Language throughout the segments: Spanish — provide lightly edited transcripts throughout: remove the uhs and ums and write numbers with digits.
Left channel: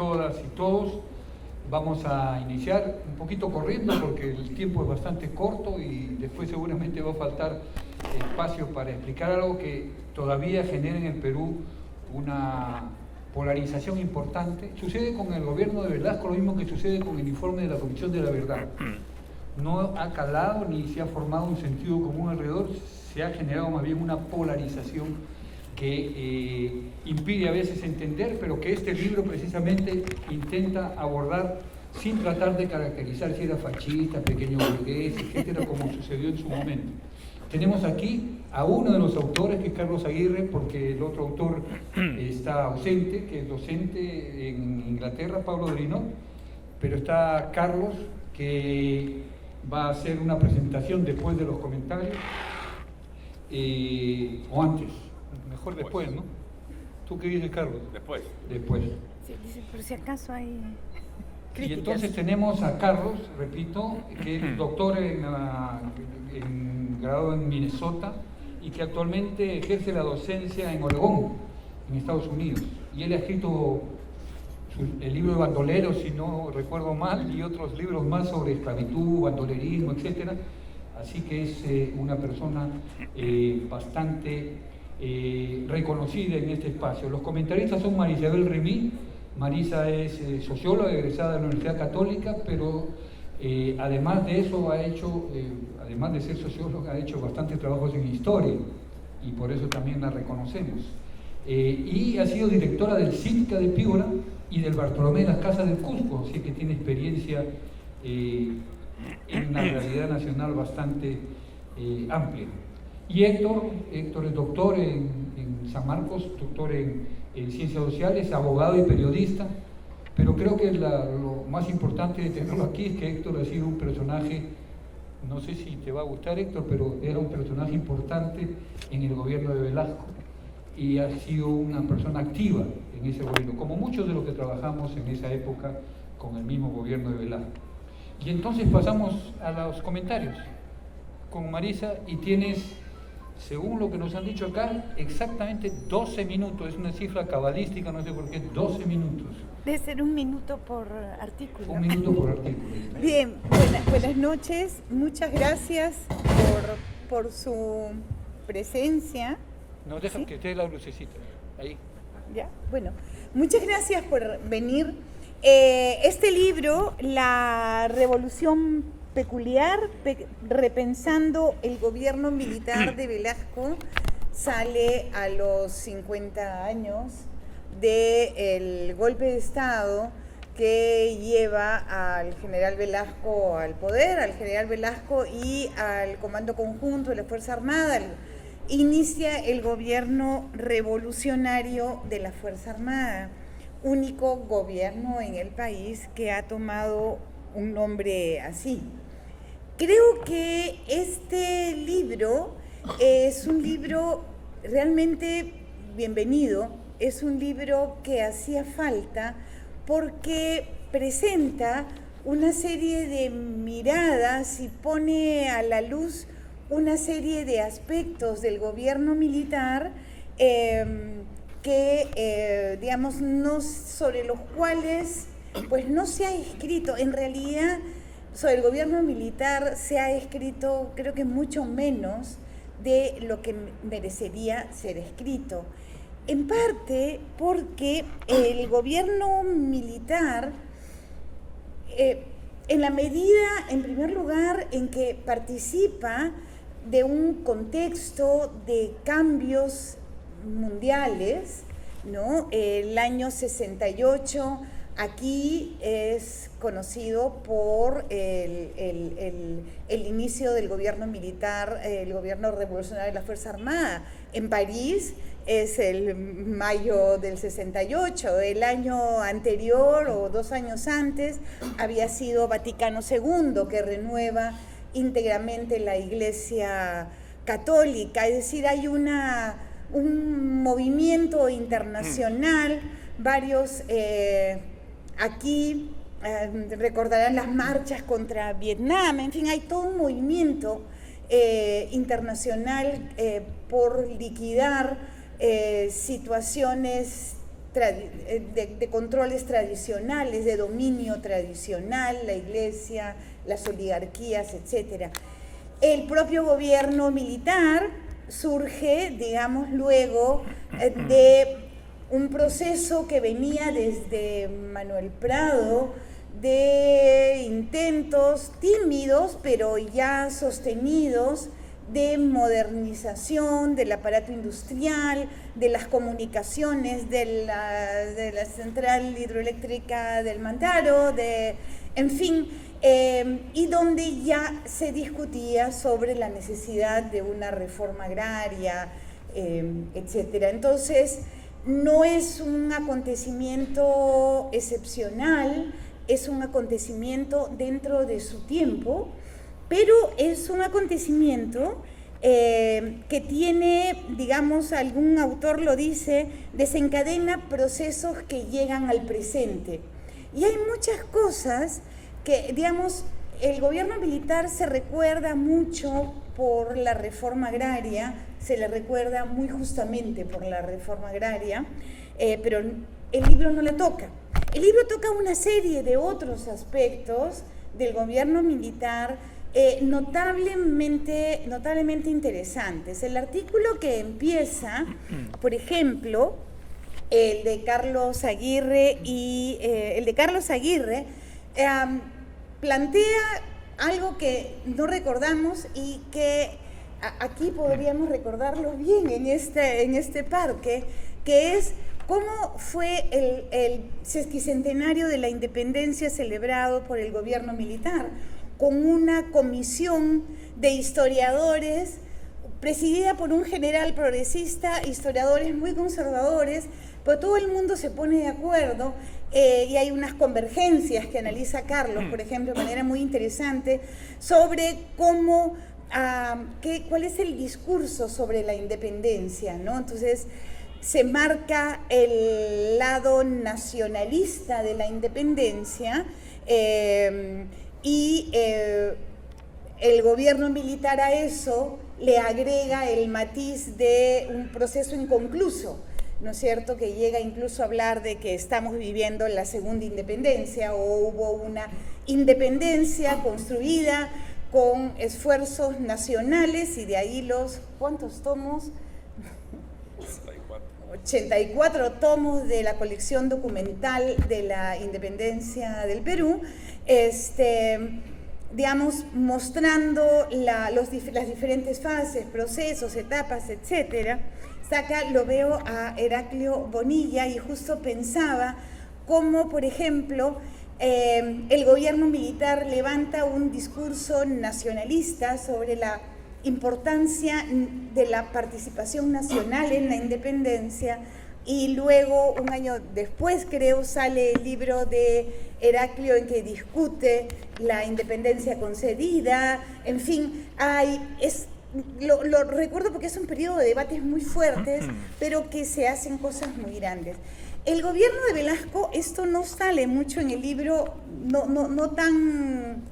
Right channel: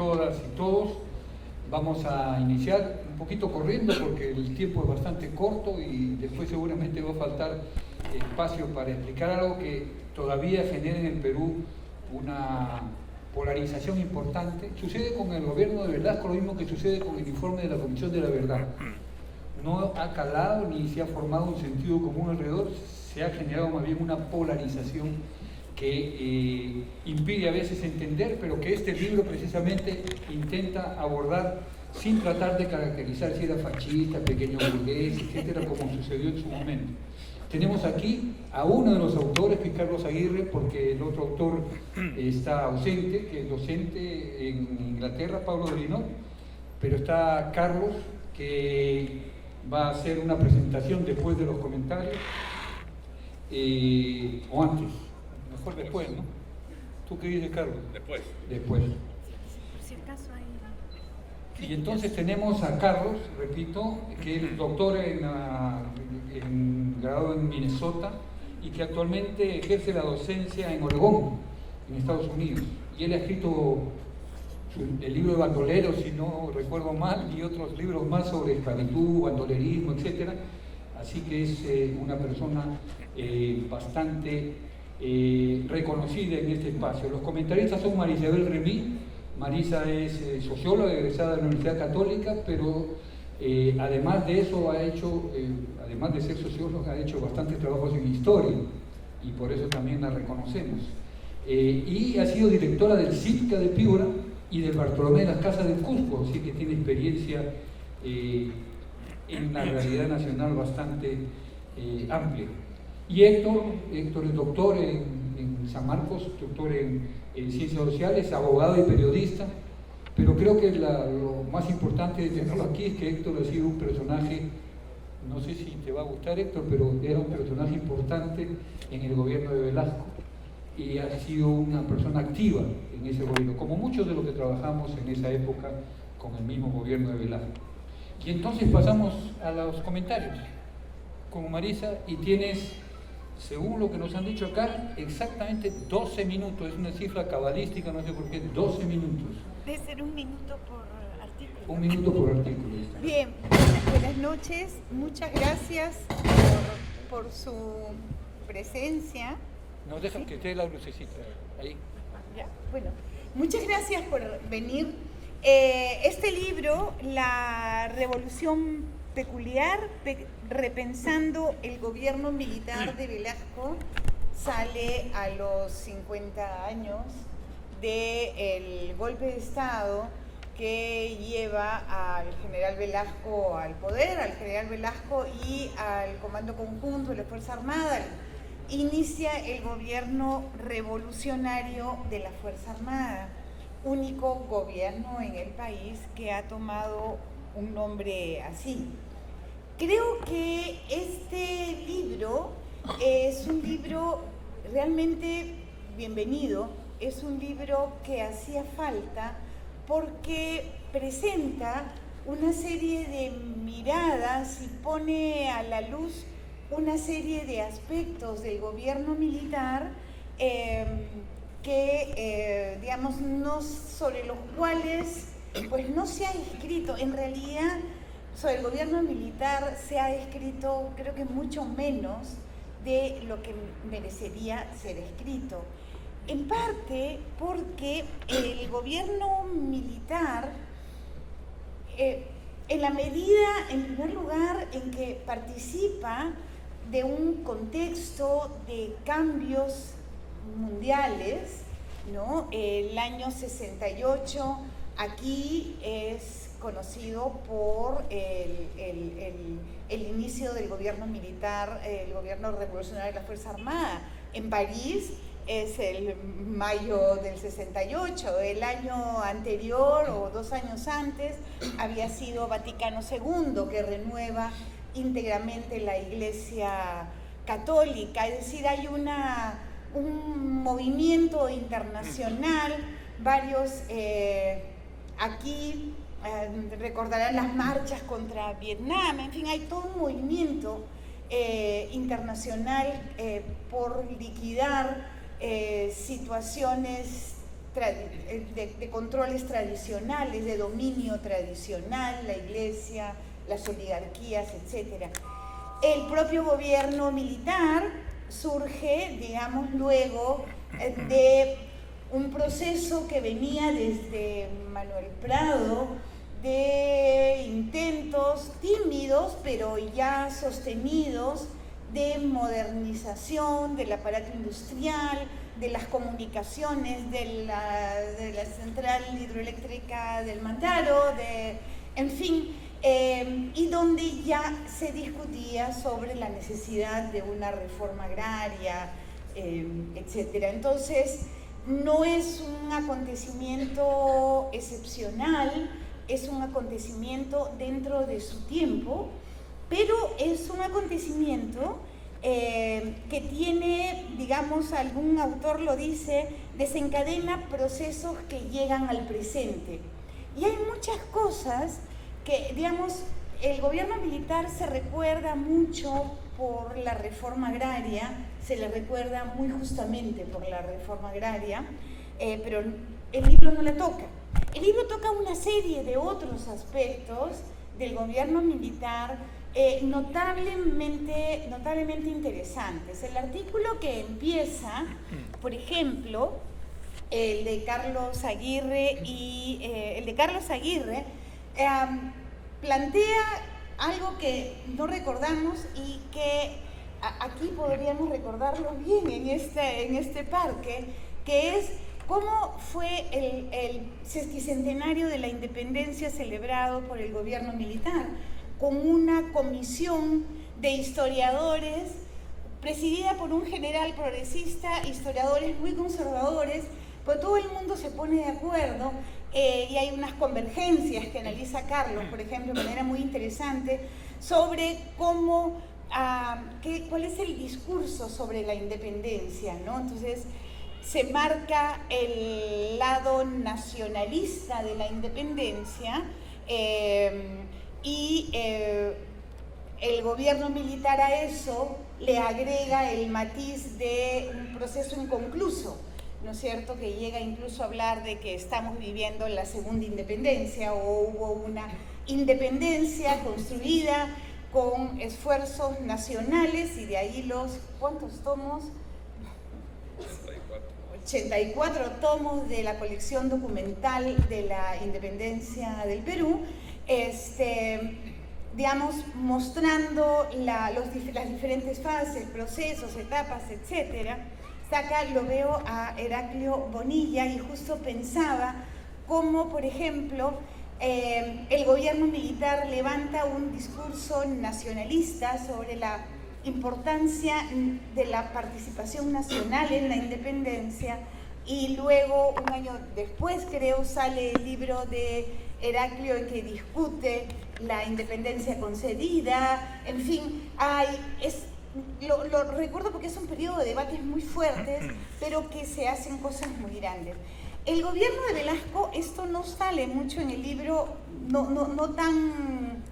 todas y todos. Vamos a iniciar un poquito corriendo porque el tiempo es bastante corto y después seguramente va a faltar espacio para explicar algo que todavía genera en el Perú una polarización importante. Sucede con el gobierno de Velasco lo mismo que sucede con el informe de la Comisión de la Verdad. No ha calado ni se ha formado un sentido común alrededor, se ha generado más bien una polarización que impide a veces entender, pero que este libro precisamente intenta abordar sin tratar de caracterizar si era fascista, pequeño burgués, etcétera, como sucedió en su momento. Tenemos aquí a uno de los autores, que es Carlos Aguirre, porque el otro autor está ausente, que es docente en Inglaterra, Pablo Drinot, pero está Carlos, que va a hacer una presentación después de los comentarios, o antes. Mejor después, ¿no? ¿Tú qué dices, Carlos? Después. Después. Sí, por si acaso hay críticas. Y entonces tenemos a Carlos, repito, que es doctor graduado en Minnesota y que actualmente ejerce la docencia en Oregón, en Estados Unidos. Y él ha escrito el libro de Bandolero, si no recuerdo mal, y otros libros más sobre esclavitud, bandolerismo, etc. Así que es una persona bastante reconocida en este espacio. Los comentaristas son María Isabel Remí. Marisa es socióloga egresada de la Universidad Católica, pero además de eso ha hecho, además de ser socióloga, ha hecho bastantes trabajos en historia y por eso también la reconocemos. Y ha sido directora del CITCA de Piura y del Bartolomé de las Casas del Cusco, así que tiene experiencia en la realidad nacional bastante amplia. Y Héctor es doctor en San Marcos, doctor en Ciencias Sociales, abogado y periodista, pero creo que lo más importante de tenerlo aquí es que Héctor ha sido un personaje, no sé si te va a gustar, Héctor, pero era un personaje importante en el gobierno de Velasco y ha sido una persona activa en ese gobierno, como muchos de los que trabajamos en esa época con el mismo gobierno de Velasco. Y entonces pasamos a los comentarios con Marisa y tienes, según lo que nos han dicho acá, exactamente 12 minutos, es una cifra cabalística, no sé por qué, 12 minutos. Debe ser 1 minuto por artículo. 1 minuto por artículo. Bien, buenas noches, muchas gracias por su presencia. No, deja ¿Sí? que esté la lucecita, ahí. Ya, bueno, muchas gracias por venir. Este libro, La Revolución Peculiar, repensando el gobierno militar de Velasco, sale a los 50 años del golpe de Estado que lleva al general Velasco al poder, al general Velasco y al Comando Conjunto de la Fuerza Armada. Inicia el gobierno revolucionario de la Fuerza Armada, único gobierno en el país que ha tomado un nombre así. Creo que este libro es un libro realmente bienvenido, es un libro que hacía falta porque presenta una serie de miradas y pone a la luz una serie de aspectos del gobierno militar digamos, no, sobre los cuales pues no se ha escrito. En realidad, sobre el gobierno militar se ha escrito, creo que mucho menos de lo que merecería ser escrito. En parte porque el gobierno militar, en la medida, en primer lugar, en que participa de un contexto de cambios mundiales, ¿no? El año 68 aquí es conocido por el inicio del gobierno militar, el gobierno revolucionario de la Fuerza Armada. En París es el mayo del 68, el año anterior o 2 años antes había sido Vaticano II, que renueva íntegramente la Iglesia Católica, es decir, hay un movimiento internacional, varios aquí recordarán las marchas contra Vietnam, en fin, hay todo un movimiento internacional por liquidar situaciones de controles tradicionales, de dominio tradicional, la iglesia, las oligarquías, etc. El propio gobierno militar surge, digamos, luego de un proceso que venía desde Manuel Prado, de intentos tímidos, pero ya sostenidos, de modernización del aparato industrial, de las comunicaciones, de la central hidroeléctrica del Mantaro, en fin, y donde ya se discutía sobre la necesidad de una reforma agraria, etc. Entonces, no es un acontecimiento excepcional, es un acontecimiento dentro de su tiempo, pero es un acontecimiento que tiene, digamos, algún autor lo dice, desencadena procesos que llegan al presente. Y hay muchas cosas que, digamos, el gobierno militar se recuerda mucho por la reforma agraria, se le recuerda muy justamente por la reforma agraria, pero el libro no la toca. El libro toca una serie de otros aspectos del gobierno militar notablemente interesantes. El artículo que empieza, por ejemplo, el de Carlos Aguirre, plantea algo que no recordamos y que aquí podríamos recordarlo bien en este parque, que es cómo fue el sesquicentenario de la independencia celebrado por el gobierno militar, con una comisión de historiadores presidida por un general progresista, historiadores muy conservadores, pero todo el mundo se pone de acuerdo y hay unas convergencias que analiza Carlos, por ejemplo, de manera muy interesante, sobre cómo, cuál es el discurso sobre la independencia, ¿no? Entonces, se marca el lado nacionalista de la independencia y el gobierno militar a eso le agrega el matiz de un proceso inconcluso, ¿no es cierto?, que llega incluso a hablar de que estamos viviendo la segunda independencia o hubo una independencia construida con esfuerzos nacionales y de ahí los, ¿cuántos tomos? 84 tomos de la colección documental de la independencia del Perú, digamos, mostrando las diferentes fases, procesos, etapas, etc. Acá lo veo a Heraclio Bonilla y justo pensaba cómo, por ejemplo, el gobierno militar levanta un discurso nacionalista sobre la importancia de la participación nacional en la independencia y luego, un año después, creo, sale el libro de Heraclio en que discute la independencia concedida, en fin, lo recuerdo porque es un periodo de debates muy fuertes, pero que se hacen cosas muy grandes. El gobierno de Velasco, esto no sale mucho en el libro, no tan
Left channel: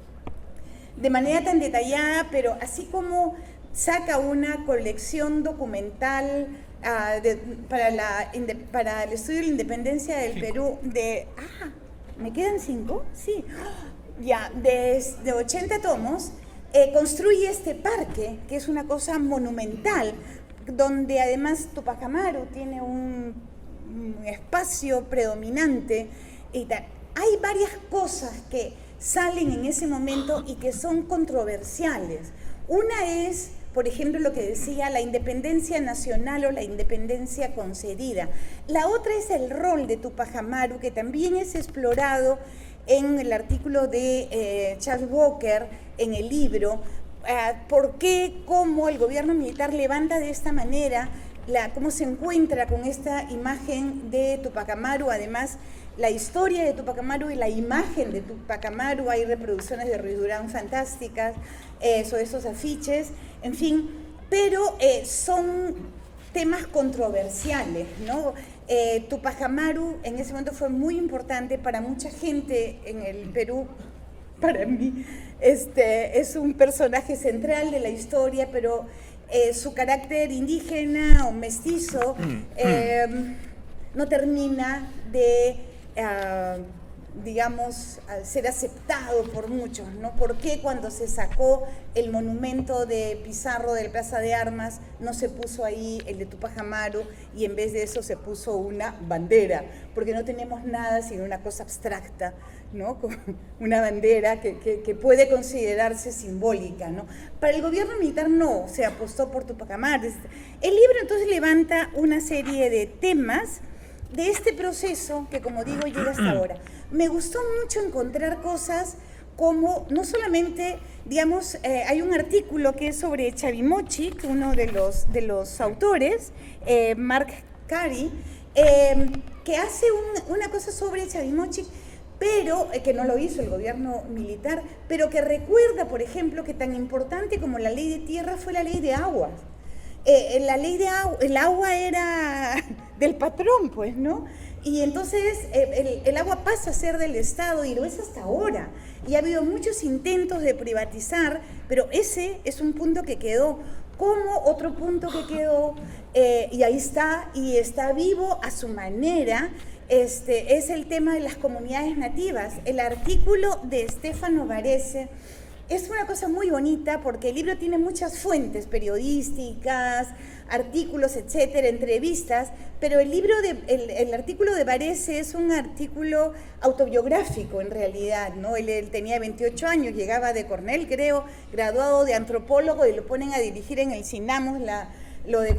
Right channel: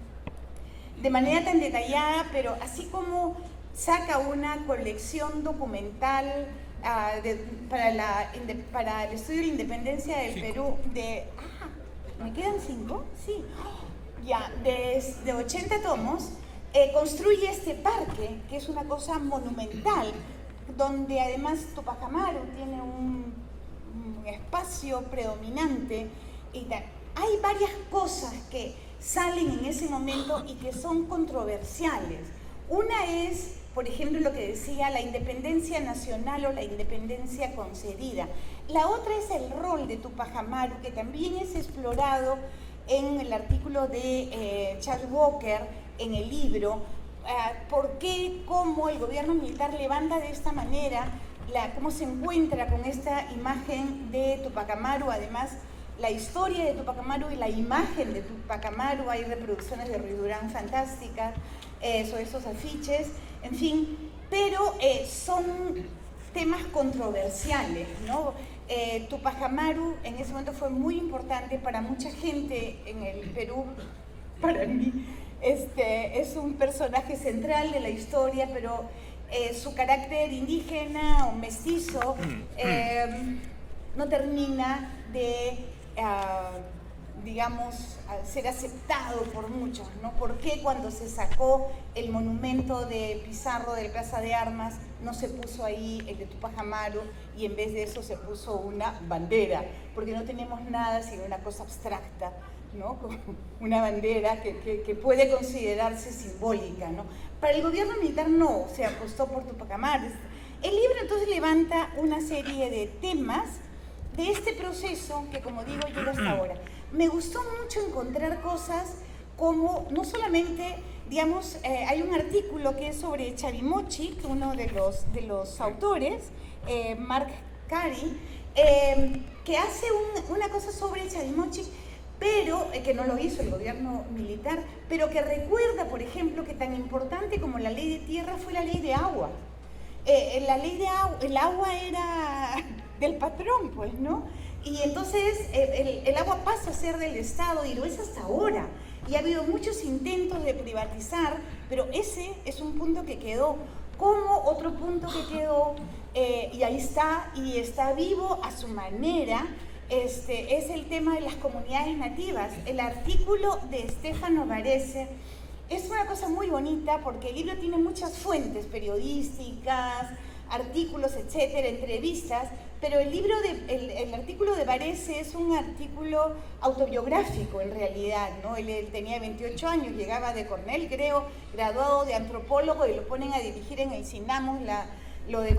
de manera tan detallada, pero así como saca una colección documental para el estudio de la independencia del Perú ¿me quedan 5? Sí, ya, de 80 tomos, construye este parque, que es una cosa monumental, donde además Tupac Amaru tiene un espacio predominante y tal. Hay varias cosas que salen en ese momento y que son controversiales. Una es, por ejemplo, lo que decía la independencia nacional o la independencia concedida. La otra es el rol de Tupac Amaru, que también es explorado en el artículo de Charles Walker, en el libro. ¿Por qué, cómo el gobierno militar levanta de esta manera, cómo se encuentra con esta imagen de Tupac Amaru? Además, la historia de Tupac Amaru y la imagen de Tupac Amaru, hay reproducciones de Ruiz Durán fantásticas sobre esos afiches, en fin, pero son temas controversiales, ¿no? Tupac Amaru en ese momento fue muy importante para mucha gente en el Perú. Para mí es un personaje central de la historia, pero su carácter indígena o mestizo no termina de, digamos, ser aceptado por muchos, ¿no? ¿Por qué cuando se sacó el monumento de Pizarro de la Plaza de Armas no se puso ahí el de Tupac Amaru y en vez de eso se puso una bandera? Porque no tenemos nada sino una cosa abstracta, ¿no? Como una bandera que puede considerarse simbólica, ¿no? Para el gobierno militar no, se apostó por Tupac Amaru. El libro entonces levanta una serie de temas de este proceso que, como digo, llega hasta ahora. Me gustó mucho encontrar cosas como, no solamente, digamos, hay un artículo que es sobre Chavimochic, uno de los autores, Mark Carey, que hace una cosa sobre Chavimochic, pero que no lo hizo el gobierno militar, pero que recuerda, por ejemplo, que tan importante como la ley de tierra fue la ley de agua. La ley de agua, el agua era del patrón, pues, ¿no? Y entonces el agua pasa a ser del Estado y lo es hasta ahora. Y ha habido muchos intentos de privatizar, pero ese es un punto que quedó. Como otro punto que quedó, y ahí está, y está vivo a su manera, es el tema de las comunidades nativas. El artículo de Stefano Varese es una cosa muy bonita porque el libro tiene muchas fuentes periodísticas, artículos, etcétera, entrevistas, pero el artículo de Varese es un artículo autobiográfico en realidad, ¿no? Él tenía 28 años, llegaba de Cornell, creo, graduado de antropólogo, y lo ponen a dirigir en el CINAMUS lo de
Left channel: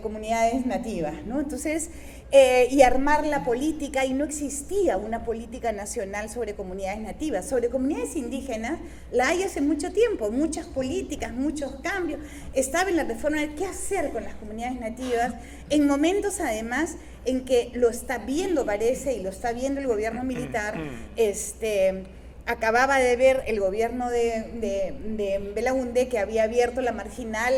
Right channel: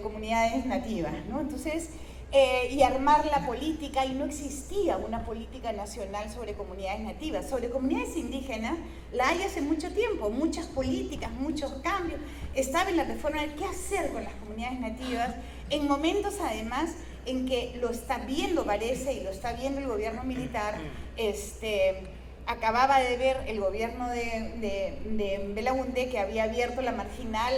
comunidades nativas, ¿no? Entonces, y armar la política, y no existía una política nacional sobre comunidades nativas. Sobre comunidades indígenas la hay hace mucho tiempo, muchas políticas, muchos cambios. Estaba en la reforma de qué hacer con las comunidades nativas, en momentos además en que lo está viendo Varese y lo está viendo el gobierno militar. Acababa de ver el gobierno de Belaúnde, que había abierto la marginal,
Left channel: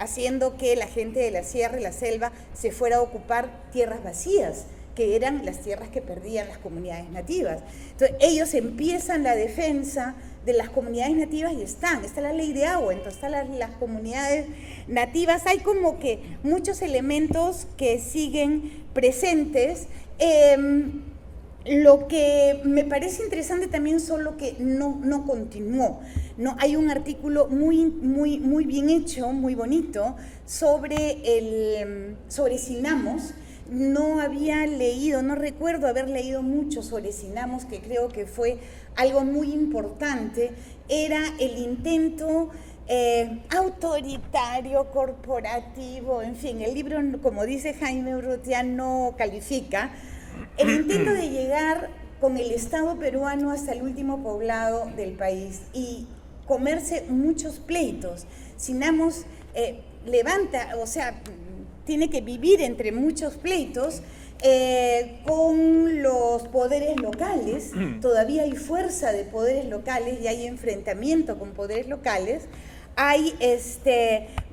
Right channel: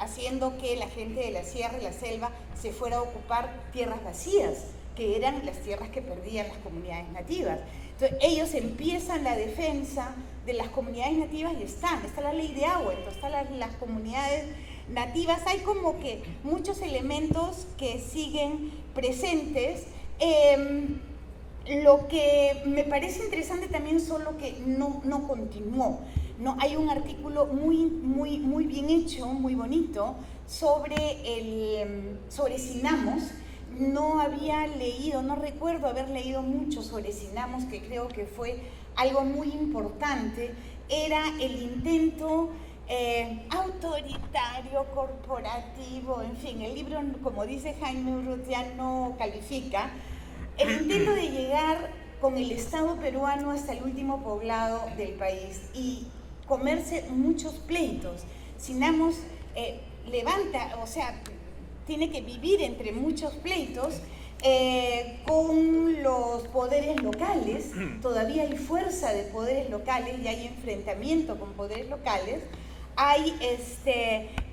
haciendo que la gente de la sierra y la selva se fuera a ocupar tierras vacías, que eran las tierras que perdían las comunidades nativas. Entonces ellos empiezan la defensa de las comunidades nativas y está la ley de agua, entonces están las comunidades nativas. Hay como que muchos elementos que siguen presentes. Lo que me parece interesante también solo que no continuó. No, hay un artículo muy bien hecho, muy bonito, sobre Sinamos. No había leído, no recuerdo haber leído mucho sobre Sinamos, que creo que fue algo muy importante. Era el intento autoritario, corporativo, en fin, el libro, como dice Jaime Urrutia, no califica. El intento de llegar con el Estado peruano hasta el último poblado del país y comerse muchos pleitos. Sinamos tiene que vivir entre muchos pleitos con los poderes locales. Todavía hay fuerza de poderes locales y hay enfrentamiento con poderes locales. Hay,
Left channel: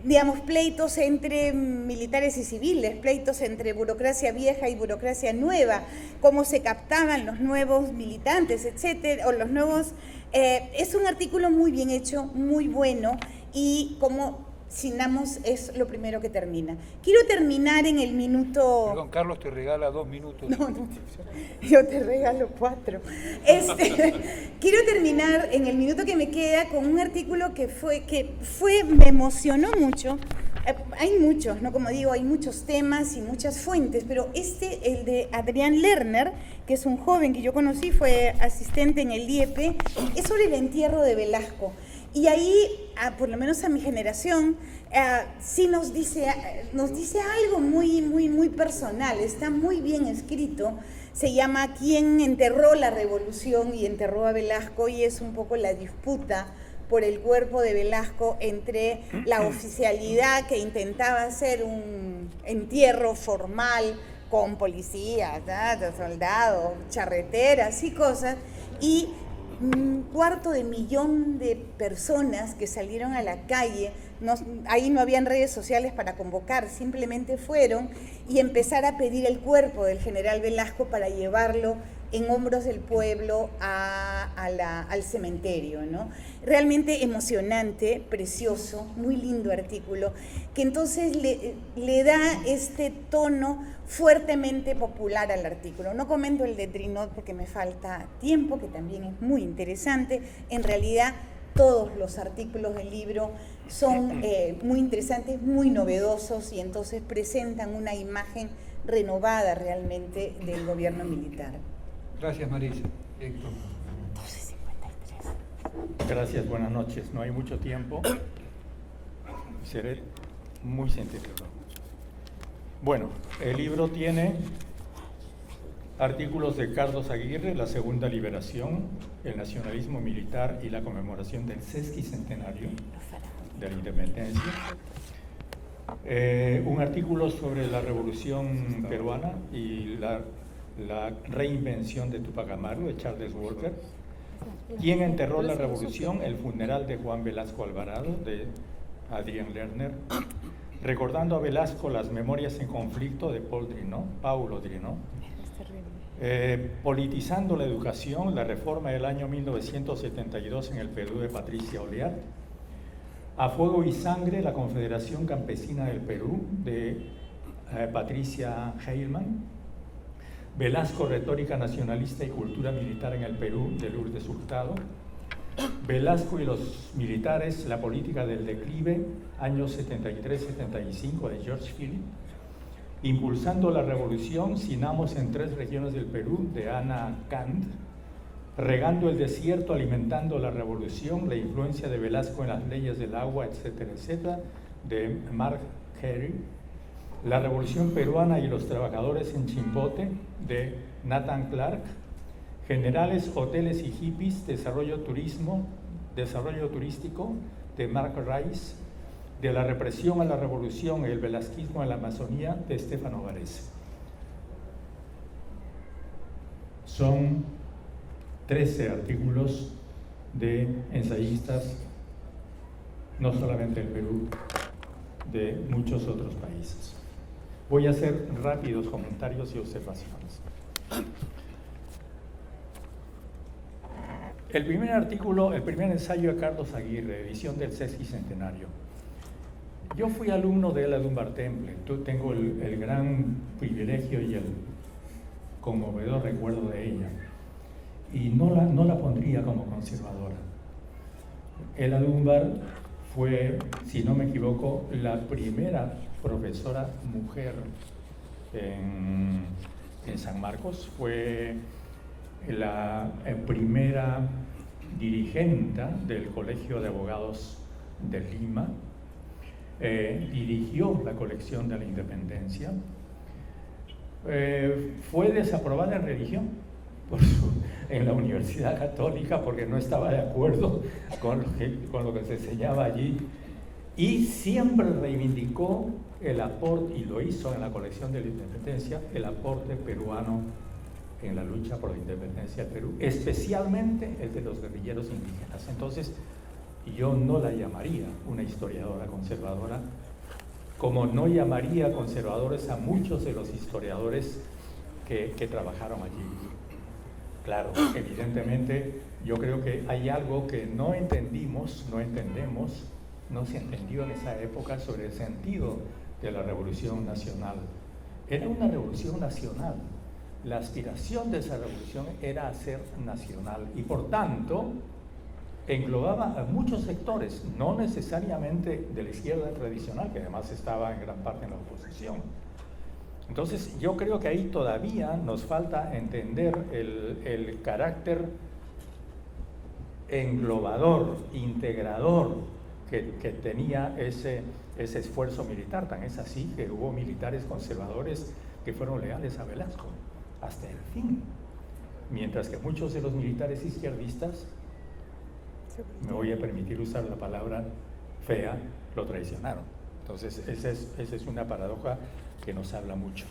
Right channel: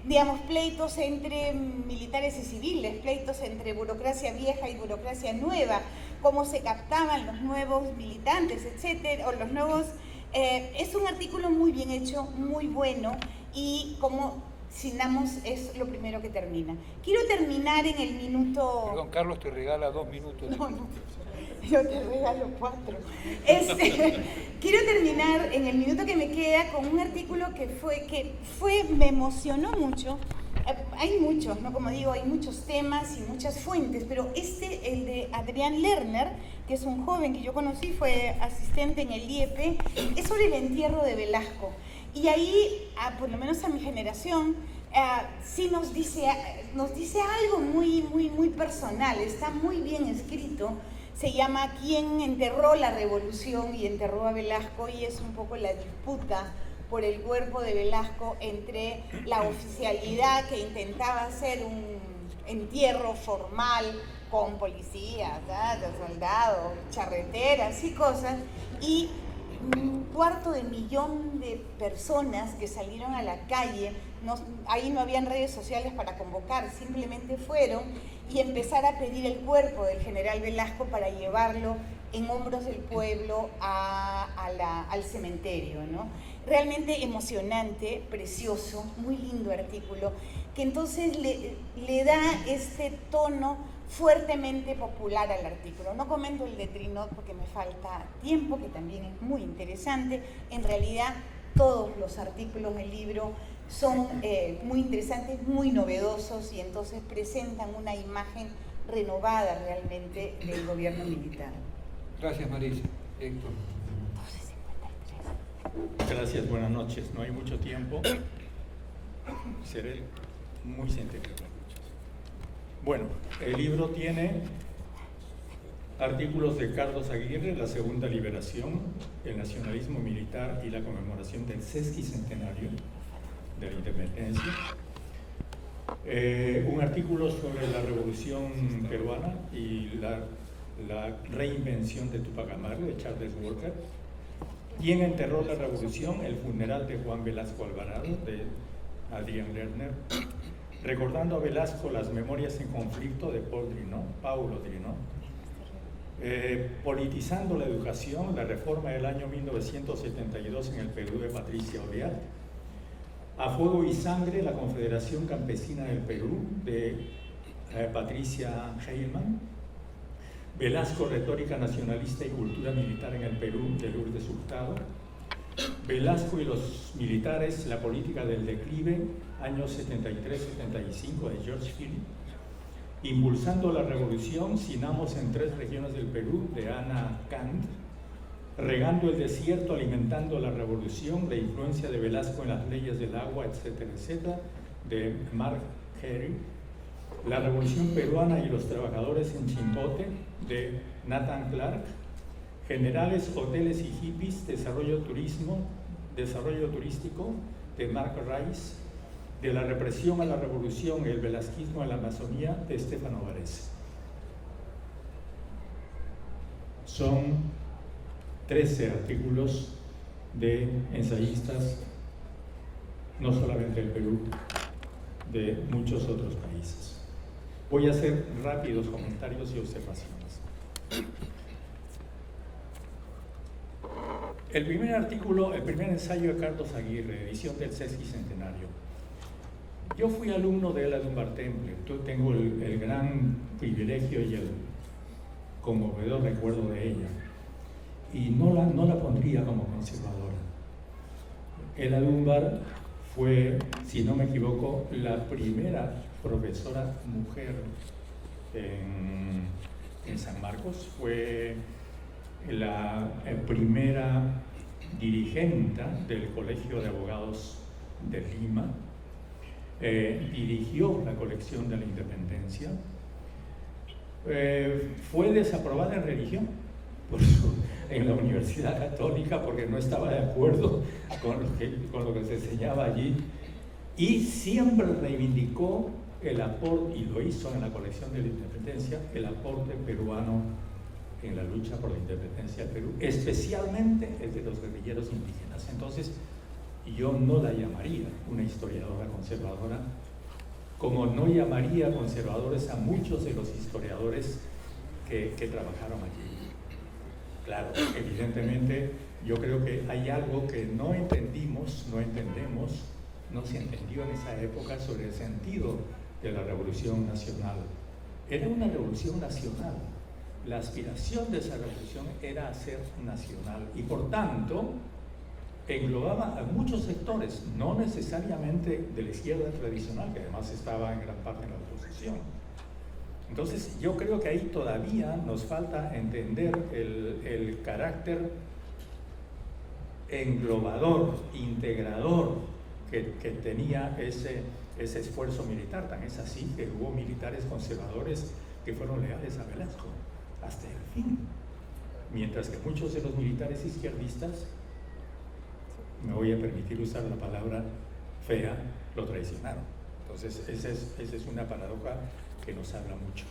digamos, pleitos entre militares y civiles, pleitos entre burocracia vieja y burocracia nueva, cómo se captaban los nuevos militantes, etcétera, o los nuevos. Es un artículo muy bien hecho, muy bueno, y como Sinamos es lo primero que termina. Quiero terminar en el minuto... Perdón, Carlos te regala 2 minutos. No, yo te regalo 4. Quiero terminar en el minuto que me queda con un artículo que me emocionó mucho. Hay muchos, ¿no? Como digo, hay muchos temas y muchas fuentes, pero el de Adrián Lerner, que es un joven que yo conocí, fue asistente en el IEP, es sobre el entierro de Velasco. Y ahí, por lo menos a mi generación, sí nos dice algo muy personal, está muy bien escrito. Se llama ¿Quién enterró la revolución y enterró a Velasco? Y es un poco la disputa por el cuerpo de Velasco entre la oficialidad que intentaba hacer un entierro formal con policías, soldados, charreteras y cosas, y 250.000 de personas que salieron a la calle. Ahí no habían redes sociales para convocar, simplemente fueron y empezar a pedir el cuerpo del general Velasco para llevarlo en hombros del pueblo al cementerio, ¿no? Realmente emocionante, precioso, muy lindo artículo, que entonces le da este tono fuertemente popular al artículo. No comento el de Trinot porque me falta tiempo, que también es muy interesante. En realidad, todos los artículos del libro son muy interesantes, muy novedosos, y entonces presentan una imagen renovada realmente del gobierno militar. Gracias, Marisa. Héctor. Gracias, buenas noches. No hay mucho tiempo. Seré muy sintético. Bueno, el libro tiene artículos de Carlos Aguirre, La Segunda Liberación, el nacionalismo militar y la conmemoración del sesquicentenario de la independencia. Un artículo sobre la Revolución Peruana y la reinvención de Túpac Amaru, de Charles Walker. ¿Quién enterró la revolución? El funeral de Juan Velasco Alvarado, de Adrián Lerner. Recordando a Velasco, las memorias en conflicto, de Paulo Drinot. Politizando la educación, la reforma del año 1972 en el Perú, de Patricia Oliat. A fuego y sangre, la Confederación Campesina del Perú, de Patricia Heilman. Velasco, retórica nacionalista y cultura militar en el Perú, de Lourdes Hurtado. Velasco y los militares, la política del declive, años 73-75, de George Philip. Impulsando la revolución, Sinamos en 3 regiones del Perú, de Ana Kant. Regando el desierto, alimentando la revolución, la influencia de Velasco en las leyes del agua, etcétera, etcétera, de Mark Carey. La revolución peruana y los trabajadores en Chimbote, de Nathan Clark. Generales, hoteles y hippies, desarrollo turístico, de Mark Rice. De la represión a la revolución, el velasquismo en la Amazonía, de Stefano Varese. Son 13 artículos de ensayistas, no solamente del Perú, de muchos otros países. Voy a hacer rápidos comentarios y observaciones. El primer ensayo de Carlos Aguirre, edición del sesquicentenario. Yo fui alumno de Ella Dunbar Temple. Tengo el gran privilegio y el conmovedor recuerdo de ella. Y no la pondría como conservadora. Ella Dunbar fue, si no me equivoco, la primera profesora mujer en San Marcos. Fue la primera dirigenta del Colegio de Abogados de Lima. Dirigió la colección de la Independencia. Fue desaprobada en religión en la Universidad Católica porque no estaba de acuerdo con lo que se enseñaba allí, y siempre reivindicó el aporte, y lo hizo en la colección de la Independencia, el aporte peruano en la lucha por la independencia del Perú, especialmente el de los guerrilleros indígenas. Entonces, yo no la llamaría una historiadora conservadora, como no llamaría conservadores a muchos de los historiadores que trabajaron allí. Claro, evidentemente, yo creo que hay algo que no entendemos, no se entendió en esa época sobre el sentido de la Revolución Nacional. Era una revolución nacional. La aspiración de esa revolución era ser nacional y, por tanto, englobaba a muchos sectores, no necesariamente de la izquierda tradicional, que además estaba en gran parte en la oposición. Entonces, yo creo que ahí todavía nos falta entender el carácter englobador, integrador que tenía ese esfuerzo militar. Tan es así que hubo militares conservadores que fueron leales a Velasco hasta el fin, mientras que muchos de los militares izquierdistas, me voy a permitir usar la palabra fea, lo traicionaron. Entonces, esa es una paradoja que nos habla mucho.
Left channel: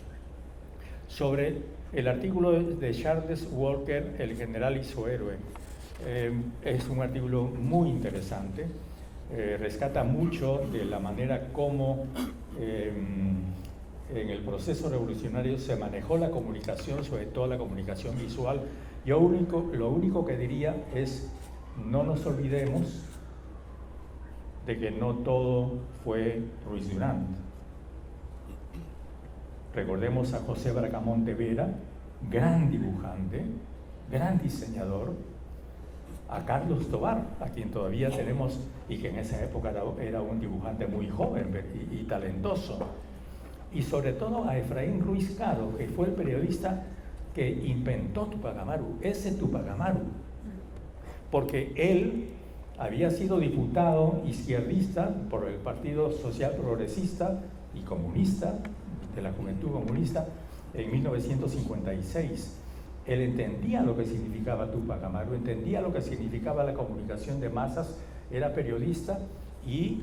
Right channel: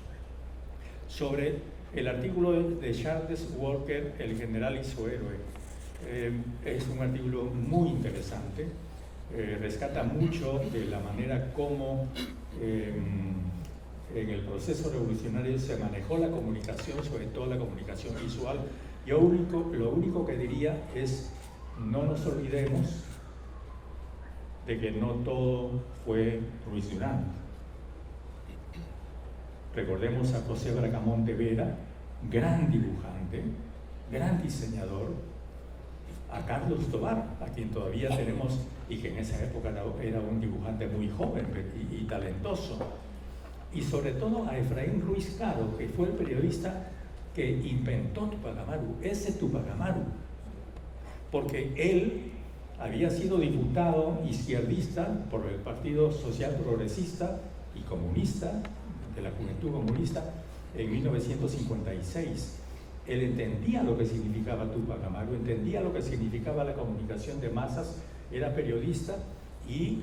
Sobre el artículo de Charles Walker, El general y su héroe, es un artículo muy interesante, rescata mucho de la manera como en el proceso revolucionario se manejó la comunicación, sobre todo la comunicación visual. Lo único que diría es: no nos olvidemos de que no todo fue Ruiz Durán. Recordemos a José Bracamonte Vera, gran dibujante, gran diseñador, a Carlos Tovar, a quien todavía tenemos y que en esa época era un dibujante muy joven y talentoso, y sobre todo a Efraín Ruiz Caro, que fue el periodista que inventó Tupac Amaru, ese Tupac Amaru, porque él había sido diputado izquierdista por el Partido Social Progresista y Comunista, de la Juventud Comunista, en 1956. Él entendía lo que significaba Tupac Amaru, entendía lo que significaba la comunicación de masas, era periodista y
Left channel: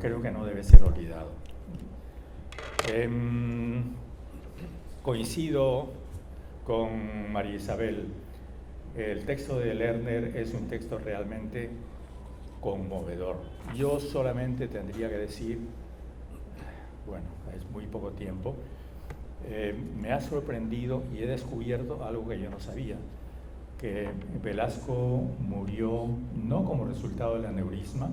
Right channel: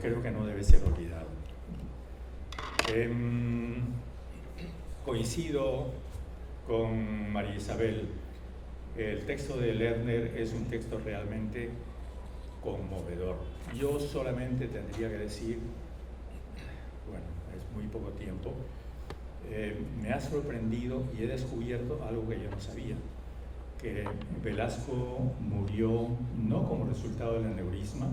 creo que no debe ser olvidado. Coincido con María Isabel. El texto de Lerner es un texto realmente conmovedor. Yo solamente tendría que decir, bueno, es muy poco tiempo, me ha sorprendido y he descubierto algo que yo no sabía, que Velasco murió no como resultado del aneurisma,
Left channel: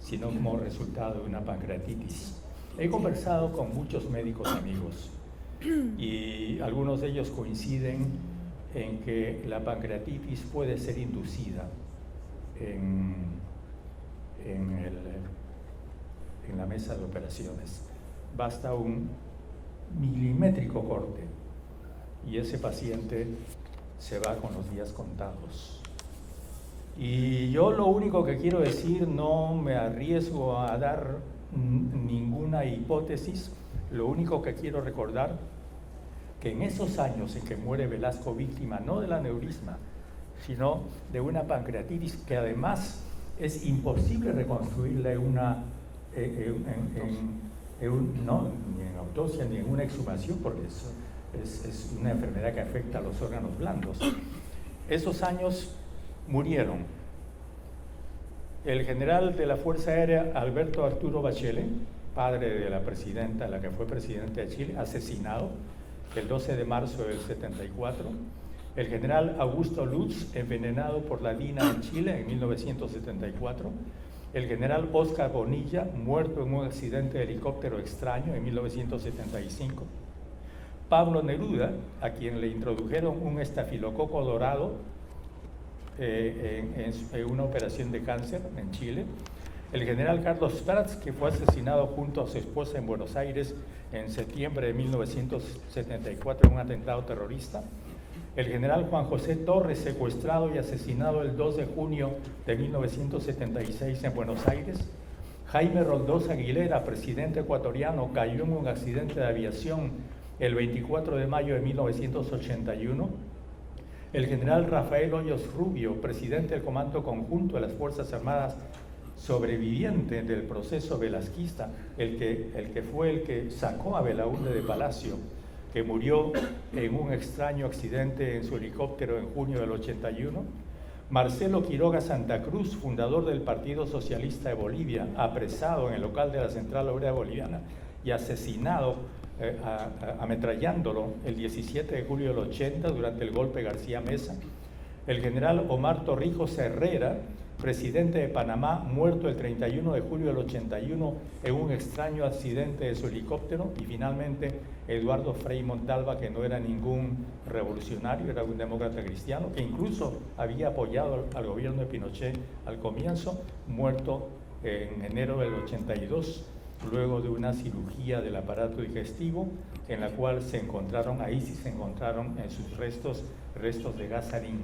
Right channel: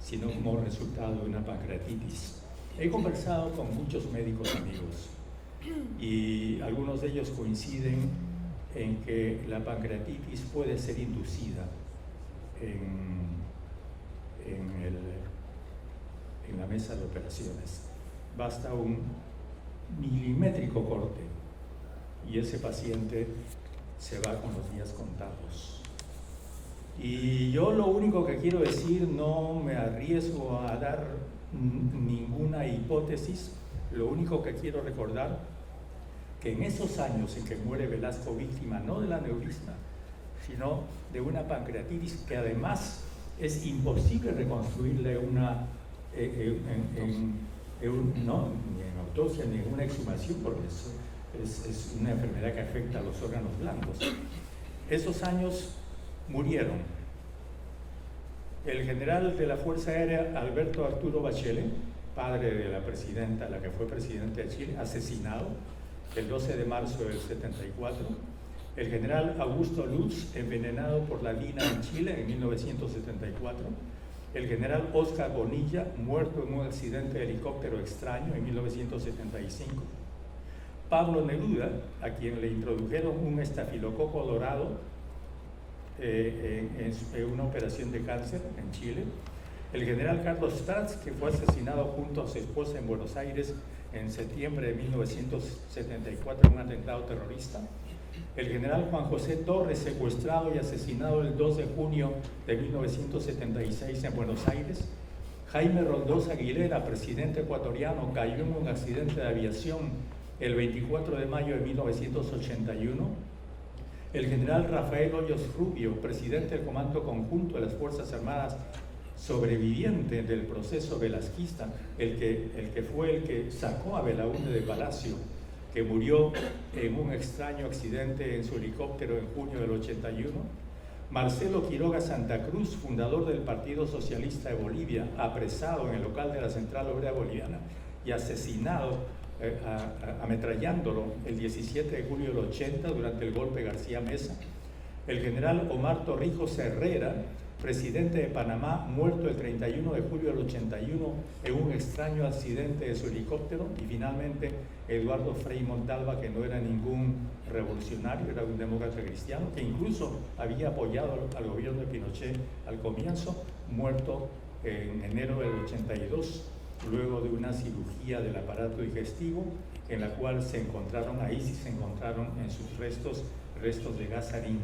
sino como resultado de una pancreatitis. He conversado con muchos médicos amigos y algunos de ellos coinciden en que la pancreatitis puede ser inducida en la mesa de operaciones. Basta un milimétrico corte y ese paciente se va con los días contados. Y yo lo único que quiero decir, no me arriesgo a dar ninguna hipótesis, lo único que quiero recordar, que en esos años en que muere Velasco víctima no del aneurisma, sino de una pancreatitis que además es imposible reconstruirle no, ni en autopsia ni en una exhumación, porque es una enfermedad que afecta a los órganos blandos. Esos años murieron el general de la Fuerza Aérea Alberto Arturo Bachelet, padre de la presidenta, la que fue presidenta de Chile, asesinado el 12 de marzo del 74, el general Augusto Lutz, envenenado por la DINA en Chile en 1974, el general Oscar Bonilla, muerto en un accidente de helicóptero extraño en 1975, Pablo Neruda, a quien le introdujeron un estafilococo dorado en una operación de cáncer en Chile, el general Carlos Prats, que fue asesinado junto a su esposa en Buenos Aires en septiembre de 1974 en un atentado terrorista, el general Juan José Torres, secuestrado y asesinado el 2 de junio de 1976 en Buenos Aires, Jaime Roldós Aguilera, presidente ecuatoriano, cayó en un accidente de aviación el 24 de mayo de 1981, el general Rafael Hoyos Rubio, presidente del Comando Conjunto de las Fuerzas Armadas, sobreviviente del proceso velasquista, el que fue el que sacó a Belaúnde de Palacio, que murió en un extraño accidente en su helicóptero en junio del 81, Marcelo Quiroga Santa Cruz, fundador del Partido Socialista de Bolivia, apresado en el local de la Central Obrera Boliviana y asesinado ametrallándolo el 17 de julio del 80 durante el golpe García Mesa, el general Omar Torrijos Herrera, presidente de Panamá, muerto el 31 de julio del 81 en un extraño accidente de su helicóptero, y finalmente Eduardo Frei Montalva, que no era ningún revolucionario, era un demócrata cristiano, que incluso había apoyado al gobierno de Pinochet al comienzo, muerto en enero del 82, luego de una cirugía del aparato digestivo, en la cual se encontraron en sus restos de gas sarín.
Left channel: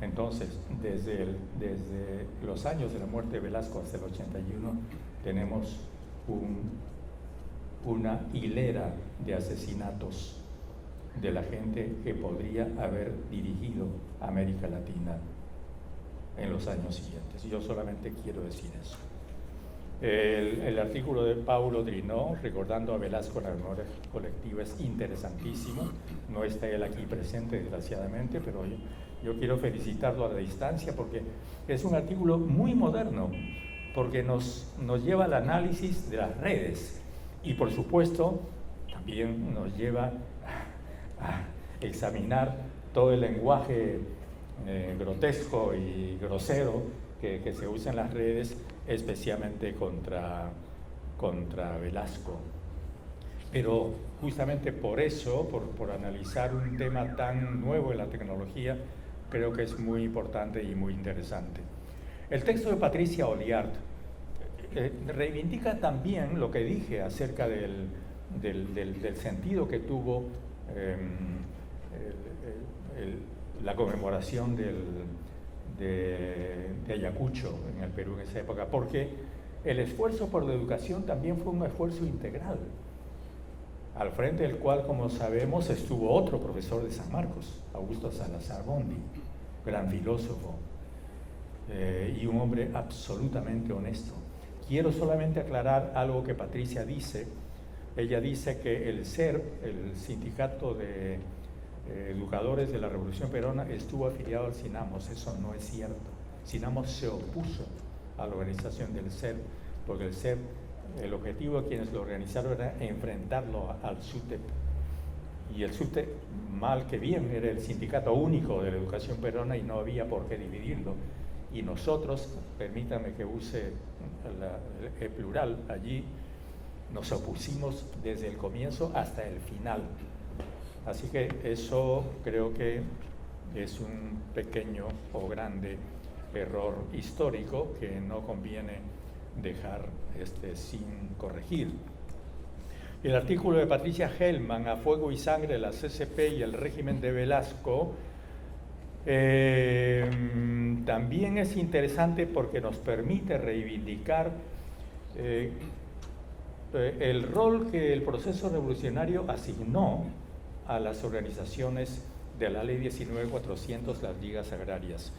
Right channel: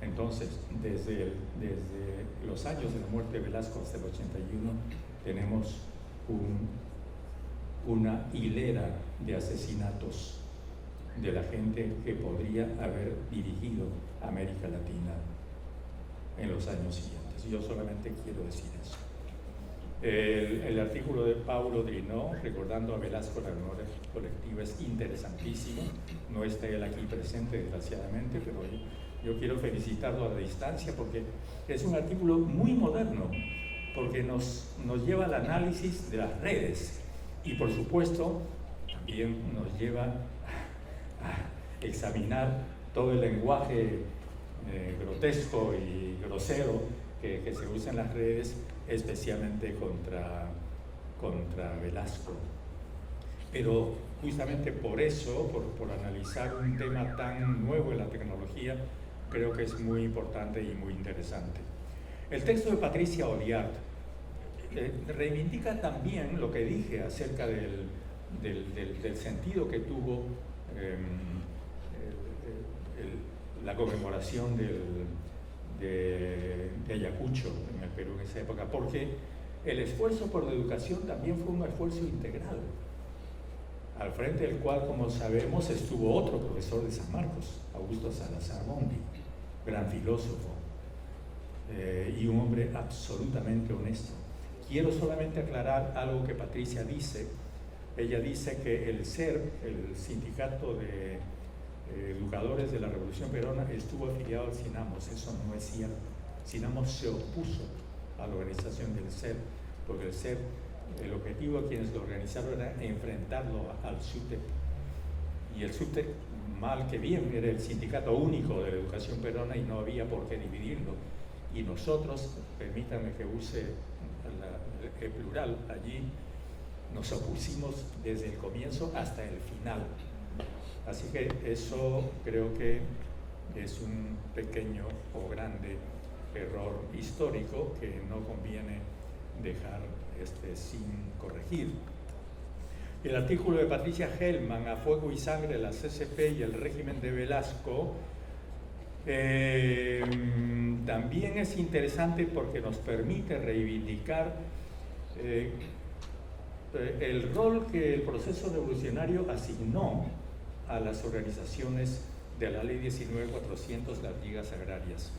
Entonces, desde los años de la muerte de Velasco hasta el 81, tenemos una hilera de asesinatos de la gente que podría haber dirigido América Latina en los años siguientes. Yo solamente quiero decir eso. El artículo de Paulo Drinó, recordando a Velasco la memoria colectiva, es interesantísimo. No está él aquí presente, desgraciadamente, pero yo quiero felicitarlo a la distancia porque es un artículo muy moderno, porque nos lleva al análisis de las redes y, por supuesto, también nos lleva a examinar todo el lenguaje grotesco y grosero que se usa en las redes, especialmente contra Velasco. Pero justamente por eso, por analizar un tema tan nuevo en la tecnología, creo que es muy importante y muy interesante. El texto de Patricia Olliart reivindica también lo que dije acerca del sentido que tuvo la conmemoración de Ayacucho en el Perú en esa época, porque el esfuerzo por la educación también fue un esfuerzo integral, al frente del cual, como sabemos, estuvo otro profesor de San Marcos, Augusto Salazar Bondi, gran filósofo y un hombre absolutamente honesto. Quiero solamente aclarar algo que Patricia dice. Ella dice que el SERP, el Sindicato de Educadores de la Revolución Peruana, estuvo afiliado al SINAMOS. Eso no es cierto. SINAMOS se opuso a la organización del SERP, porque el SERP, el objetivo de quienes lo organizaron era enfrentarlo al SUTEP. Y el SUTEP, mal que bien, era el sindicato único de la educación peruana y no había por qué dividirlo. Y nosotros, permítanme que use el plural allí, nos opusimos desde el comienzo hasta el final. Así que eso creo que es un pequeño o grande error histórico que no conviene dejar sin corregir. El artículo de Patricia Hellman, A Fuego y Sangre, la CCP y el régimen de Velasco, también es interesante porque nos permite reivindicar el rol que el proceso revolucionario asignó a las organizaciones de la Ley 19.400, las ligas agrarias.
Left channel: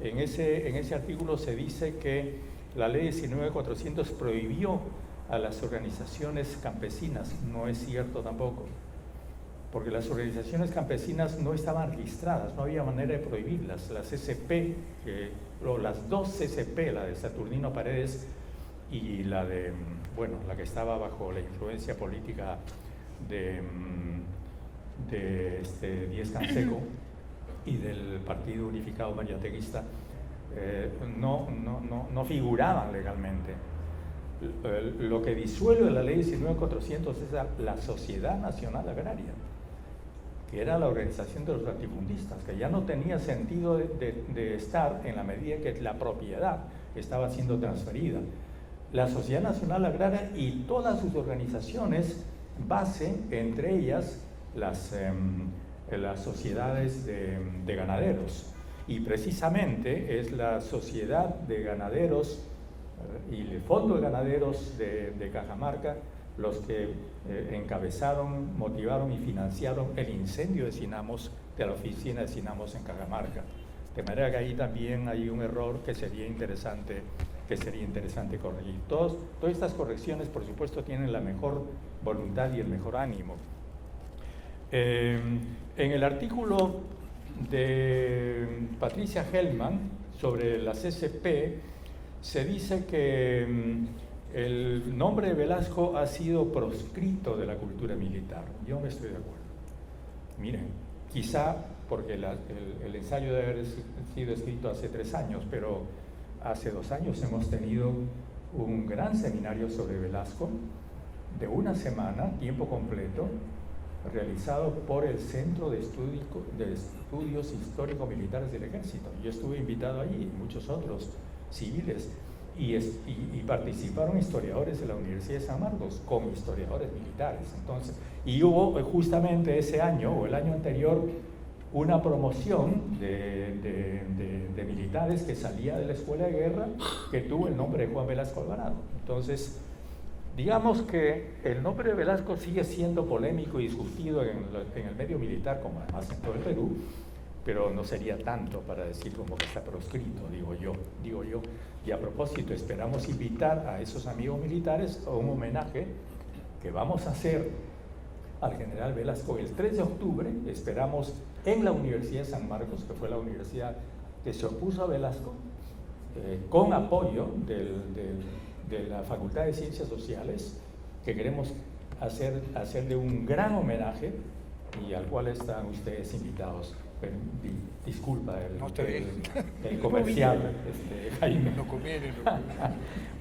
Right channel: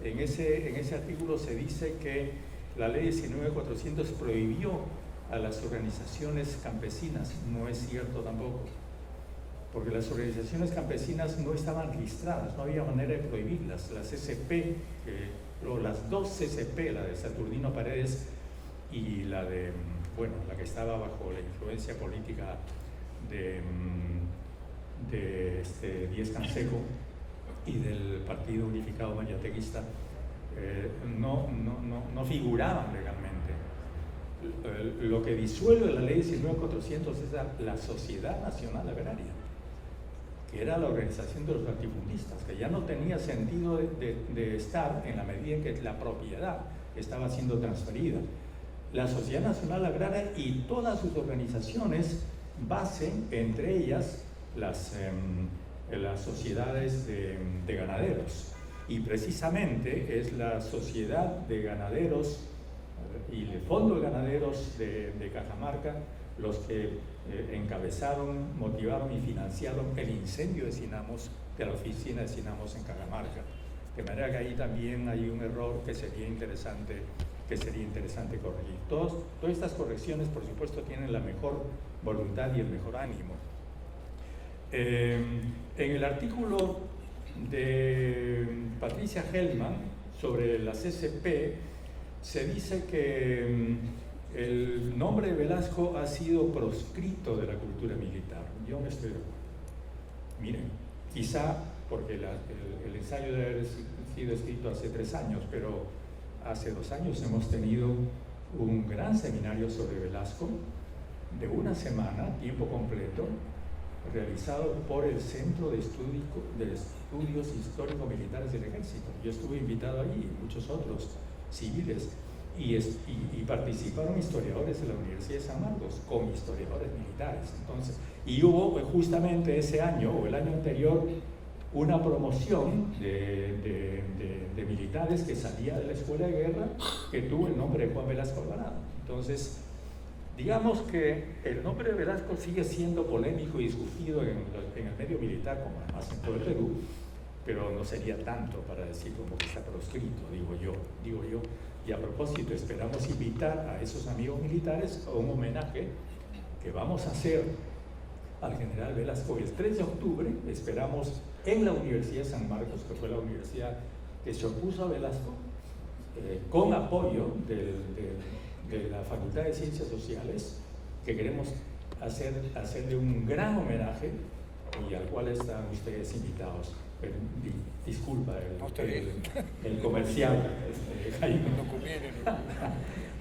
En ese artículo se dice que la Ley 19.400 prohibió a las organizaciones campesinas. No es cierto tampoco, porque las organizaciones campesinas no estaban registradas, no había manera de prohibirlas. La CCP, las dos CCP, la de Saturnino Paredes y la de, la que estaba bajo la influencia política de Díez Canseco y del Partido Unificado Mariateguista, no figuraban legalmente. Lo que disuelve la Ley 19.400 es la Sociedad Nacional Agraria, que era la organización de los latifundistas, que ya no tenía sentido de estar en la medida en que la propiedad estaba siendo transferida. La Sociedad Nacional Agraria y todas sus organizaciones base, entre ellas las sociedades de ganaderos, y precisamente es la Sociedad de Ganaderos y el Fondo de Ganaderos de Cajamarca los que encabezaron, motivaron y financiaron el incendio de Sinamos, de la oficina de Sinamos en Cajamarca. De manera que ahí también hay un error que sería interesante corregir. Todas estas correcciones, por supuesto, tienen la mejor voluntad y el mejor ánimo. En el artículo de Patricia Hellman sobre la CCP se dice que el nombre de Velasco ha sido proscrito de la cultura militar. Yo no estoy de acuerdo. Miren, quizá porque el ensayo debe haber sido escrito hace 3 años, pero hace 2 años hemos tenido un gran seminario sobre Velasco de 1 semana, tiempo completo, realizado por el Centro de Estudios Histórico-Militares del Ejército. Yo estuve invitado allí y muchos otros civiles, y participaron historiadores de la Universidad de San Marcos con historiadores militares. Entonces, y hubo justamente ese año o el año anterior una promoción de militares que salía de la Escuela de Guerra que tuvo el nombre de Juan Velasco Alvarado. Entonces, digamos que el nombre de Velasco sigue siendo polémico y discutido en el medio militar, como además en todo el Perú, pero no sería tanto para decir como que está proscrito, digo yo. Y a propósito, esperamos invitar a esos amigos militares a un homenaje que vamos a hacer al general Velasco el 3 de octubre, esperamos en la Universidad de San Marcos, que fue la universidad que se opuso a Velasco, con apoyo de la Facultad de Ciencias Sociales, que queremos hacerle un gran homenaje y al cual están ustedes invitados. Pero, disculpa el comercial, Jaime. No conviene.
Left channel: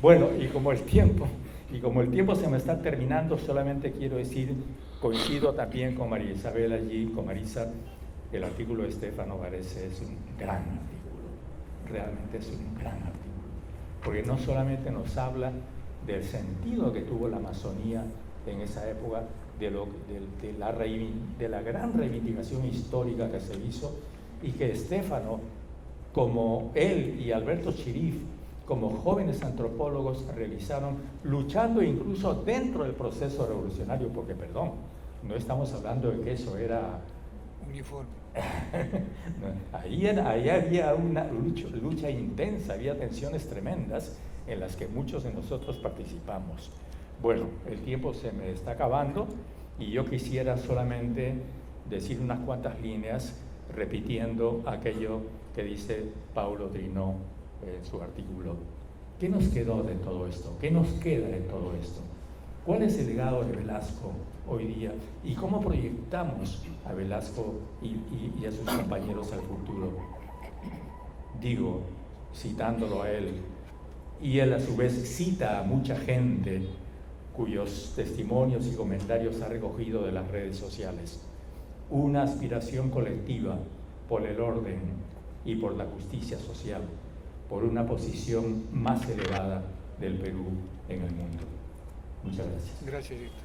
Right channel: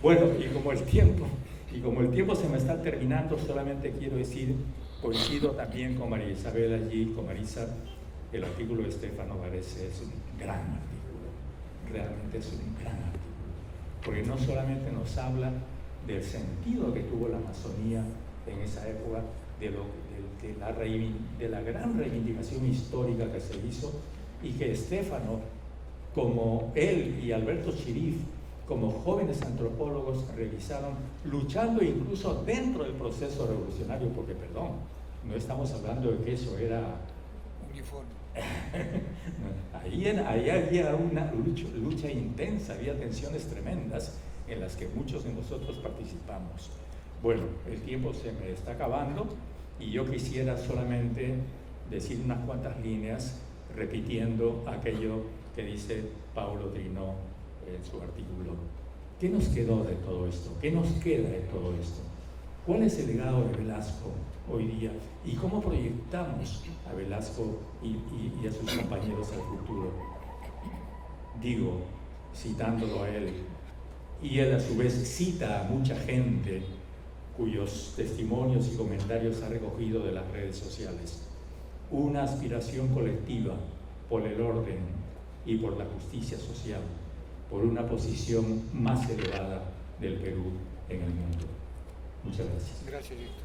Bueno, y como el tiempo Y como el tiempo se me está terminando, solamente quiero decir, coincido también con María Isabel allí, con Marisa, el artículo de Stefano Varese es un gran artículo, realmente es un gran artículo, porque no solamente nos habla del sentido que tuvo la Amazonía en esa época, de la gran reivindicación histórica que se hizo, y que Stefano, como él y Alberto Chirif, como jóvenes antropólogos, realizaron, luchando incluso dentro del proceso revolucionario, porque, perdón, no estamos hablando de que eso era uniforme. ahí había una lucha intensa, había tensiones tremendas en las que muchos de nosotros participamos. Bueno, el tiempo se me está acabando y yo quisiera solamente decir unas cuantas líneas repitiendo aquello que dice Paulo Drinot en su artículo. ¿Qué nos quedó de todo esto? ¿Qué nos queda de todo esto? ¿Cuál es el legado de Velasco hoy día? ¿Y cómo proyectamos a Velasco y a sus compañeros al futuro? Digo, citándolo a él, y él a su vez cita a mucha gente cuyos testimonios y comentarios ha recogido de las redes sociales. Una aspiración colectiva por el orden y por la justicia social, por una posición más elevada del Perú en el mundo. Muchas gracias. Gracias, Víctor.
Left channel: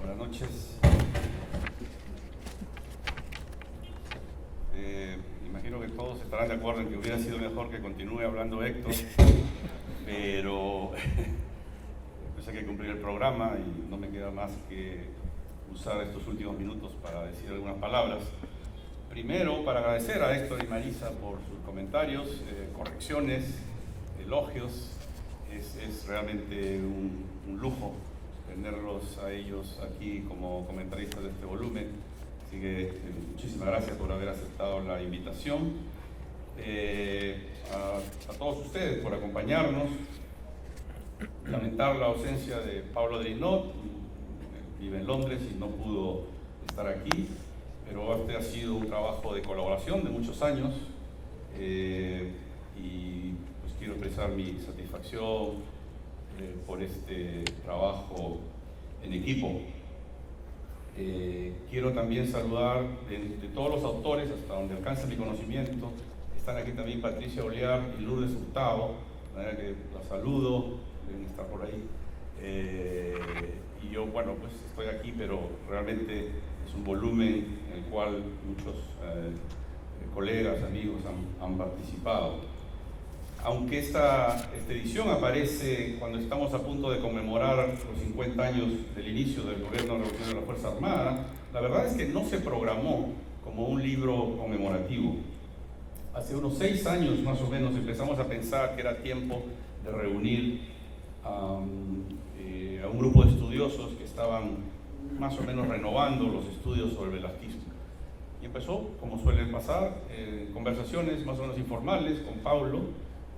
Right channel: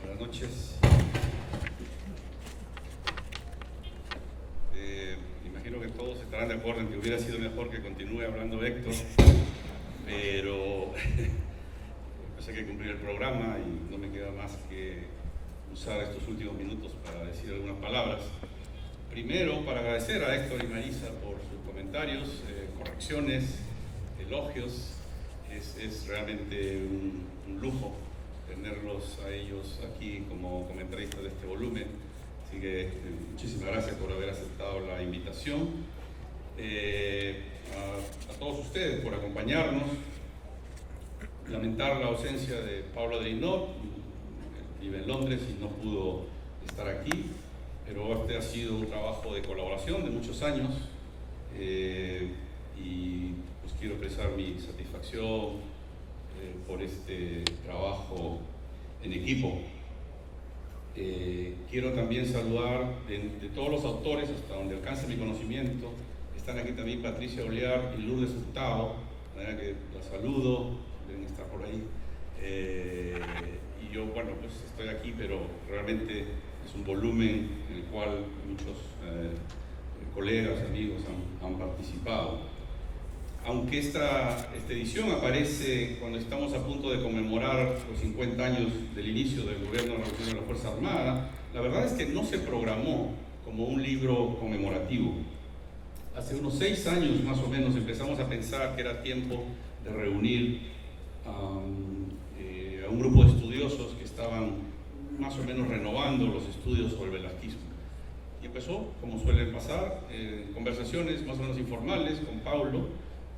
Buenas noches. Imagino que todos estarán de acuerdo en que hubiera sido mejor que continúe hablando Héctor, pero pues hay que cumplir el programa y no me queda más que usar estos últimos minutos para decir algunas palabras. Primero, para agradecer a Héctor y Marisa por sus comentarios, correcciones, elogios. Es realmente un lujo tenerlos a ellos aquí como comentaristas de este volumen. Así que muchísimas gracias por haber aceptado la invitación. A todos ustedes por acompañarnos. Lamentar la ausencia de Paulo Drinot, vive en Londres y no pudo estar aquí, pero este ha sido un trabajo de colaboración de muchos años y pues quiero expresar mi satisfacción por este trabajo en equipo. Quiero también saludar de todos los autores, hasta donde alcanza mi conocimiento. Están aquí también Patricia Oliar y Lourdes Hurtado, de manera que los saludo, deben estar por ahí. Y yo, bueno, pues estoy aquí, pero realmente es un volumen en el cual muchos colegas, amigos han participado. Aunque esta edición aparece cuando estamos a punto de conmemorar los 50 años del inicio del gobierno revolucionario de la Fuerza Armada, la verdad es que no se programó como un libro conmemorativo. Hace unos 6 años más o menos empezamos a pensar que era tiempo de reunir a un grupo de estudiosos que estaban más o menos renovando los estudios sobre el velasquismo. Y empezó, como suele pasar, conversaciones más o menos informales con Paulo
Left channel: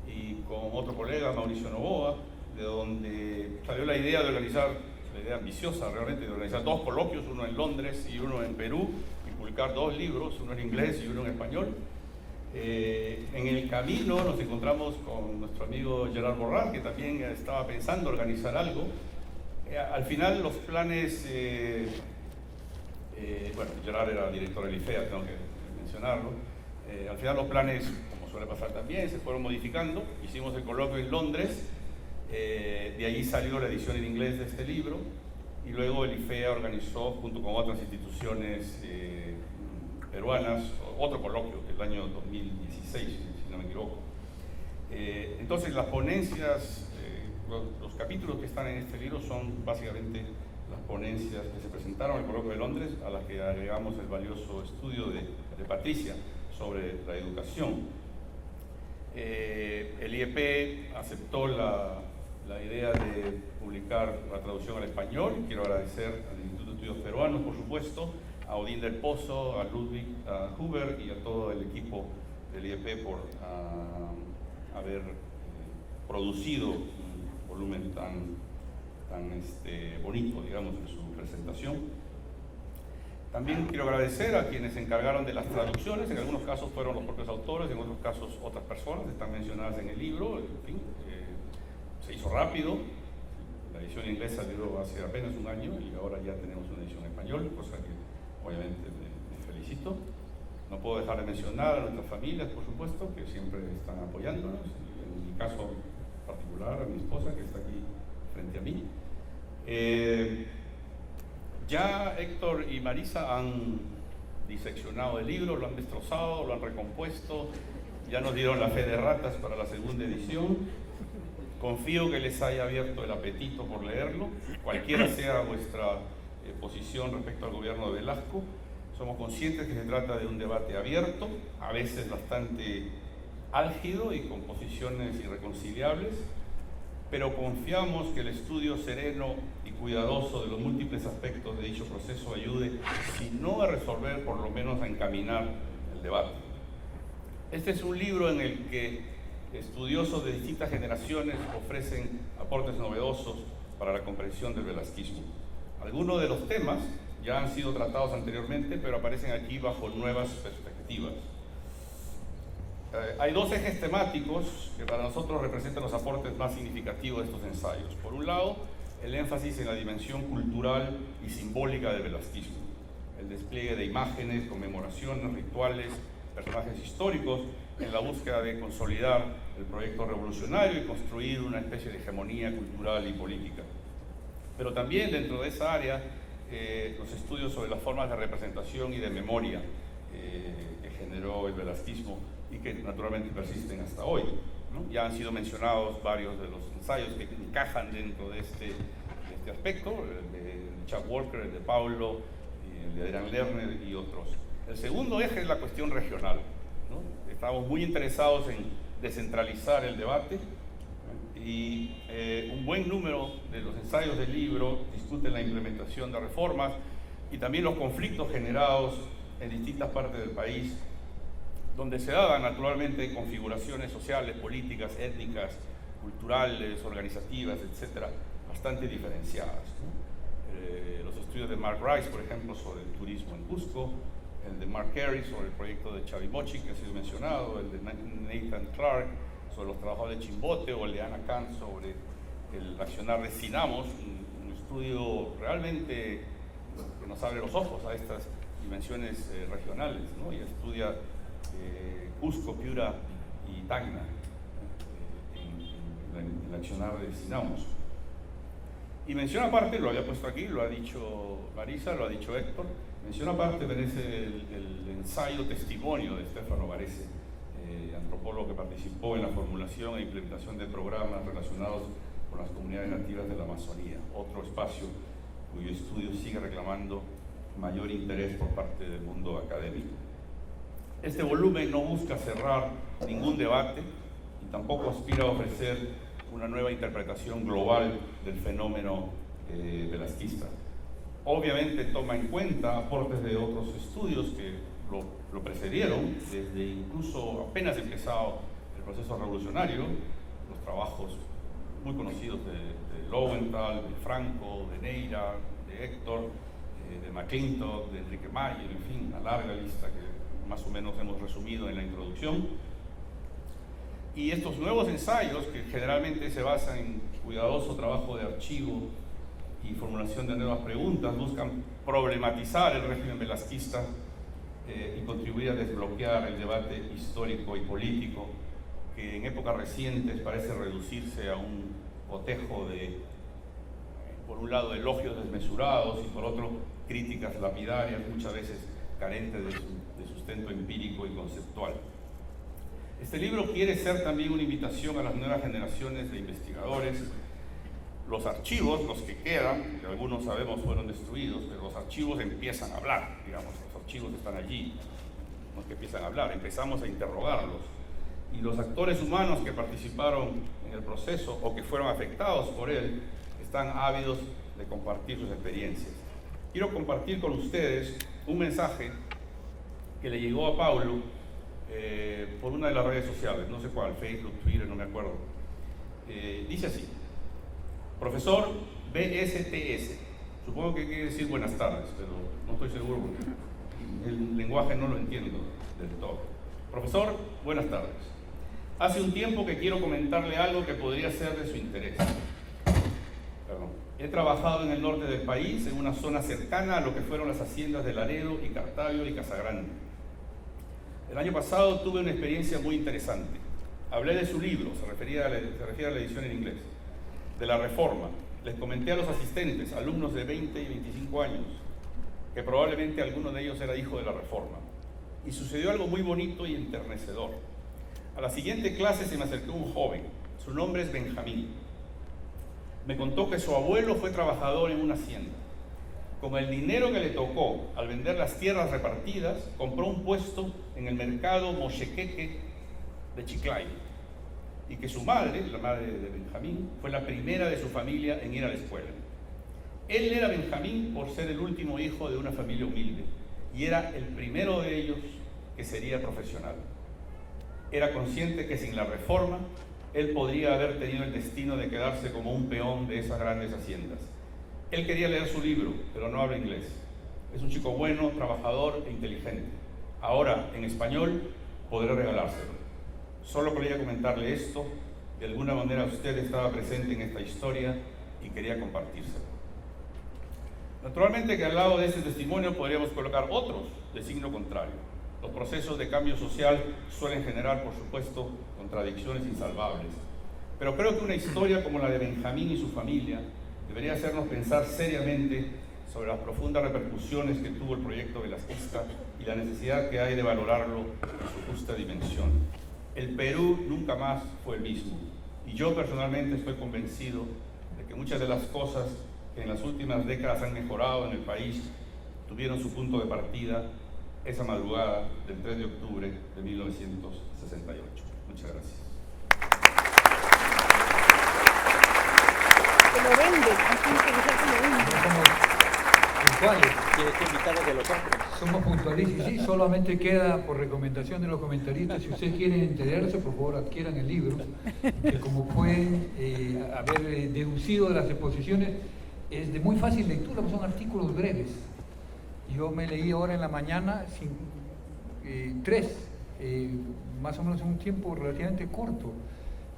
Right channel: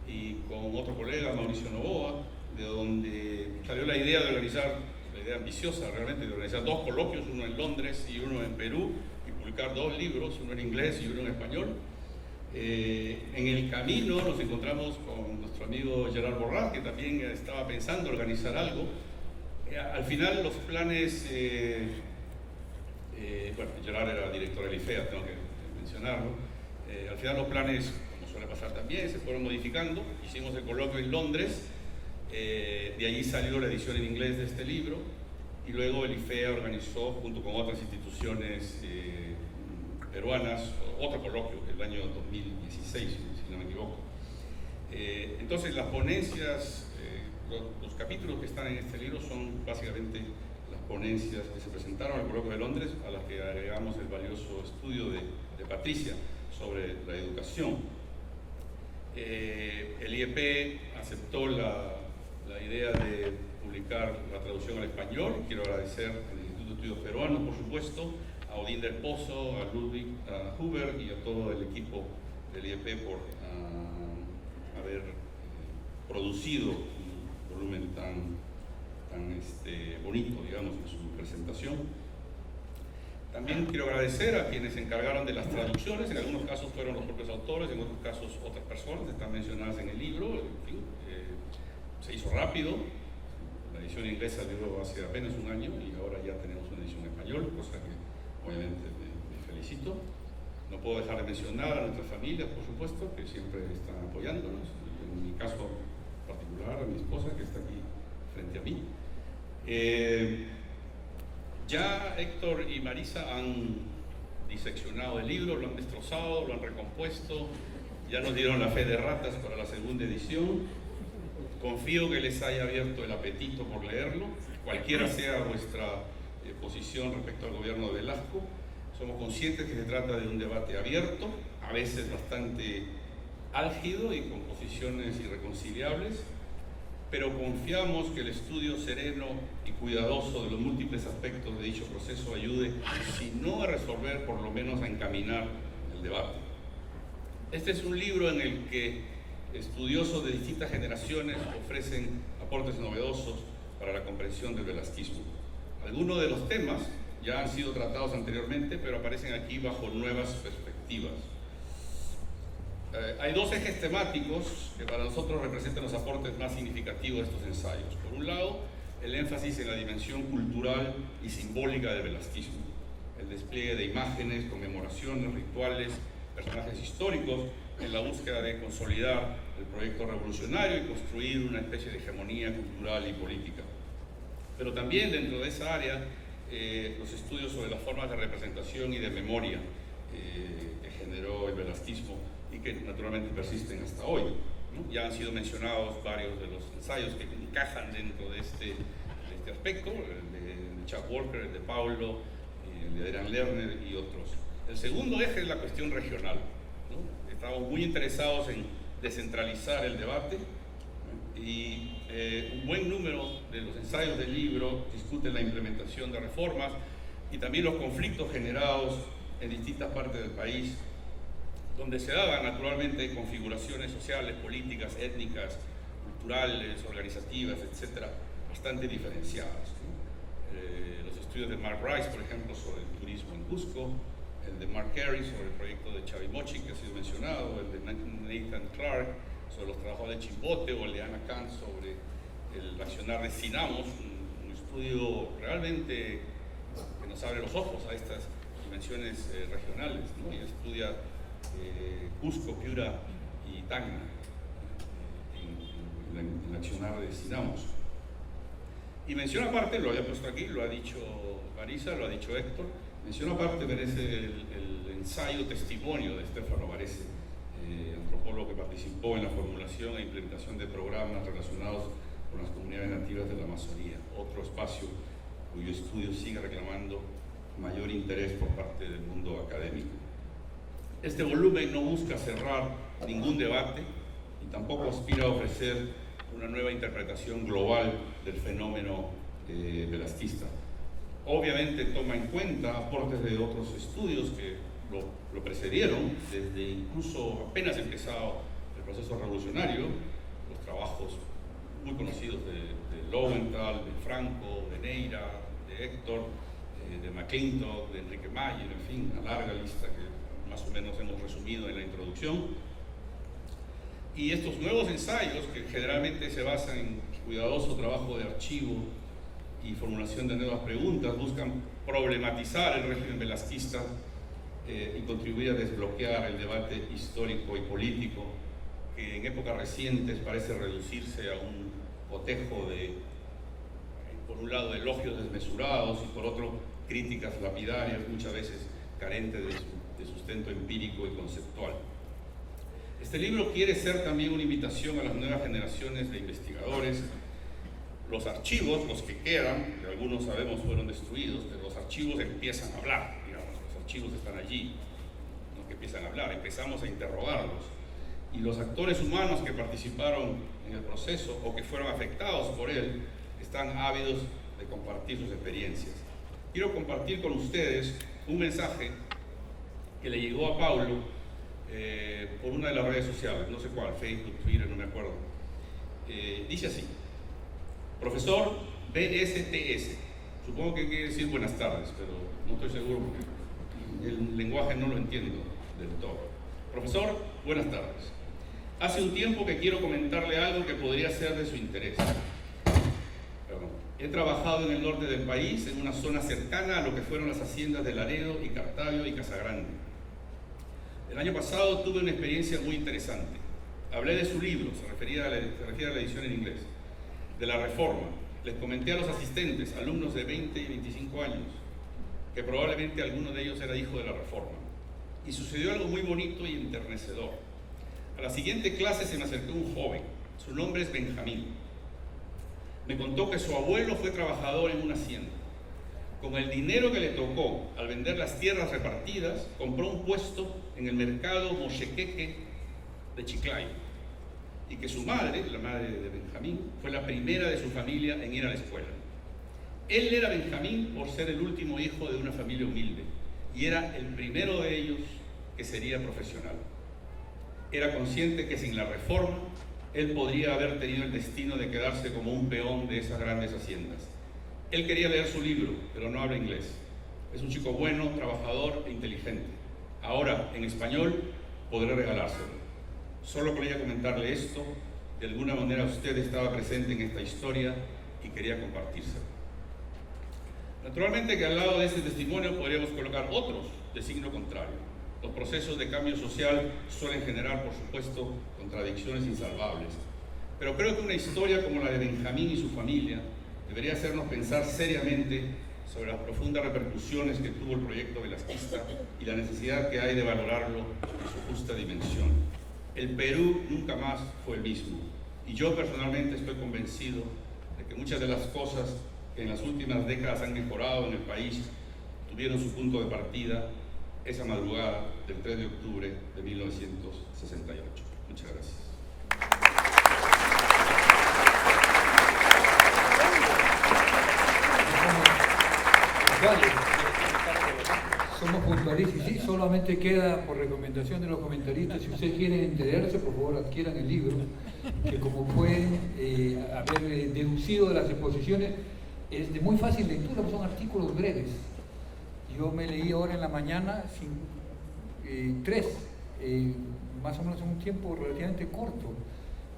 y con otro colega, Mauricio Novoa, de donde salió la idea de organizar, la idea ambiciosa realmente, de organizar 2 coloquios, uno en Londres y uno en Perú, y publicar 2 libros, uno en inglés y uno en español. En el camino nos encontramos con nuestro amigo Gerard Borràs, que también estaba pensando organizar algo. Al final los planes, bueno, Gerard era director del IFEA, tengo que mencionarlo. Al final los planes, como suele pasar también, se fueron modificando. Hicimos el coloquio en Londres, de allí salió la edición en inglés de este libro, y luego el IFEA organizó, junto con otras instituciones peruanas, otro coloquio el año 2016, si no me equivoco. Entonces las ponencias, los capítulos que están en este libro son básicamente las ponencias que se presentaron en el coloquio de Londres, a las que agregamos el valioso estudio de Patricia sobre la educación. El IEP aceptó la idea de publicar la traducción al español. Quiero agradecer al Instituto de Estudios Peruanos, por supuesto, a Odín del Pozo, a Ludwig Huber y a todo el equipo del IEP por haber producido un volumen tan bonito, digamos, en su presentación. También quiero agradecer a quienes se encargaron de las traducciones, en algunos casos fueron los propios autores, en otros casos otras personas, están mencionadas en el libro, en fin, se hizo rápido, la edición inglesa duró hace apenas un año y ahora ya tenemos una edición en español, cosa que obviamente me felicito. No puedo dejar de mencionar a nuestras familias, por supuesto, que siempre están apoyándonos, en mi caso particular, a mi esposa que está aquí frente a mí. Ya Héctor y Marisa han diseccionado el libro, lo han destrozado, lo han recompuesto, ya nos dieron la fe de ratas para la segunda edición. Confío que les haya abierto el apetito por leerlo, cualquiera sea vuestra posición respecto al gobierno de Velasco. Somos conscientes que se trata de un debate abierto, a veces bastante álgido y con posiciones irreconciliables, pero confiamos que el estudio sereno y cuidadoso de los múltiples aspectos de dicho proceso ayude, si no a resolver, por lo menos a encaminar el debate. Este es un libro en el que estudiosos de distintas generaciones ofrecen aportes novedosos para la comprensión del velasquismo. Algunos de los temas ya han sido tratados anteriormente, pero aparecen aquí bajo nuevas perspectivas. Hay dos ejes temáticos que para nosotros representan los aportes más significativos de estos ensayos. Por un lado, el énfasis en la dimensión cultural y simbólica del velasquismo, el despliegue de imágenes, conmemoraciones, rituales, personajes históricos, en la búsqueda de consolidar el proyecto revolucionario y construir una especie de hegemonía cultural y política. Pero también dentro de esa área, los estudios sobre las formas de representación y de memoria que generó el velasquismo y que naturalmente persisten hasta hoy, ¿no? Ya han sido mencionados varios de los ensayos que encajan dentro de este aspecto, el de Chuck Walker, el de Paulo, el de Adrian Lerner y otros. El segundo eje es la cuestión regional, ¿no? Estamos muy interesados en descentralizar el debate y un buen número de los ensayos del libro discuten la implementación de reformas y también los conflictos generados en distintas partes del país, donde se daban naturalmente configuraciones sociales, políticas, étnicas, culturales, organizativas, etcétera, bastante diferenciadas, ¿no? Los estudios de Mark Rice, por ejemplo, sobre el turismo en Cusco, el de Mark Carey sobre el proyecto de Chavimochi, que ha sido mencionado, el de Nathan Clark sobre los trabajos de Chimbote, o el de Ana Khan sobre el accionar de Sinamos, un estudio realmente que nos abre los ojos a estas dimensiones regionales, ¿no? Y estudia Cusco, Piura y Tacna en el accionar de Sinamos. Y mención aparte, lo había puesto aquí, lo ha dicho Marisa, lo ha dicho Héctor, mención aparte merece el ensayo testimonio de Stefano Varese, antropólogo que participó en la formulación e implementación de programas relacionados con las comunidades nativas de la Amazonía, otro espacio cuyo estudio sigue reclamando mayor interés por parte del mundo académico. Este volumen no busca cerrar ningún debate y tampoco aspira a ofrecer una nueva interpretación global del fenómeno velasquista. Obviamente toma en cuenta aportes de otros estudios que lo precedieron, desde incluso apenas empezado el proceso revolucionario, los trabajos muy conocidos de Lowenthal, de Franco, de Neira, de Héctor, de McClintock, de Enrique Mayer, en fin, una larga lista que más o menos hemos resumido en la introducción. Y estos nuevos ensayos, que generalmente se basan en cuidadoso trabajo de archivo y formulación de nuevas preguntas, buscan problematizar el régimen velasquista y contribuir a desbloquear el debate histórico y político que en épocas recientes parece reducirse a un cotejo de, por un lado, elogios desmesurados y por otro, críticas lapidarias, muchas veces carentes de sustento empírico y conceptual. Este libro quiere ser también una invitación a las nuevas generaciones de investigadores. Los archivos, los que quedan, que algunos sabemos fueron destruidos, pero los archivos empiezan a hablar, digamos, los archivos están allí, no es que empiezan a hablar, empezamos a interrogarlos. Y los actores humanos que participaron en el proceso o que fueron afectados por él están ávidos de compartir sus experiencias. Quiero compartir con ustedes un mensaje que le llegó a Paulo por una de las redes sociales, no sé cuál, Facebook, Twitter, no me acuerdo. Dice así: profesor BSTS, Supongo que quiere decir buenas tardes, pero no estoy seguro porque el lenguaje no lo entiendo del todo. Profesor, buenas tardes. Hace un tiempo que quiero comentarle algo que podría ser de su interés. He trabajado en el norte del país, en una zona cercana a lo que fueron las haciendas de Laredo y Cartavio y Casagrande. El año pasado tuve una experiencia muy interesante. Hablé de su libro, se refiere a la edición en inglés, de la Reforma. Les comenté a los asistentes, alumnos de 20 y 25 años, que probablemente alguno de ellos era hijo de la Reforma. Y sucedió algo muy bonito y enternecedor. A la siguiente clase se me acercó un joven, su nombre es Benjamín. Me contó que su abuelo fue trabajador en una hacienda. Con el dinero que le tocó al vender las tierras repartidas, compró un puesto en el mercado Mochequeque de Chiclayo. Y que su madre, la madre de Benjamín, fue la primera de su familia en ir a la escuela. Él era Benjamín por ser el último hijo de una familia humilde y era el primero de ellos que sería profesional. Era consciente que sin la Reforma él podría haber tenido el destino de quedarse como un peón de esas grandes haciendas. Él quería leer su libro, pero no habla inglés. Es un chico bueno, trabajador e inteligente. Ahora, en español, podré regalárselo. Solo quería comentarle esto. De alguna manera usted estaba presente en esta historia y quería compartírselo. Naturalmente que al lado de este testimonio podríamos colocar otros de signo contrario. Los procesos de cambio social suelen generar, por supuesto, contradicciones insalvables. Pero creo que una historia como la de Benjamín y su familia debería hacernos pensar seriamente sobre las profundas repercusiones que tuvo el proyecto velasquista y la necesidad que hay de valorarlo en su justa dimensión. El Perú nunca más fue el mismo, y yo personalmente estoy convencido de que muchas de las cosas que en las últimas décadas han mejorado en el país tuvieron su punto de partida esa madrugada del 3 de octubre de 1968. Muchas gracias. Somos puntualistas, sí, solamente queda por recomendación de los comentaristas, si ustedes quieren enterarse, por favor adquieran el libro, que como pueden haber deducido de las exposiciones, es de muy fácil lectura, son artículos breves. Yo me leí ahora en la mañana tres, más o menos en un tiempo relativamente corto,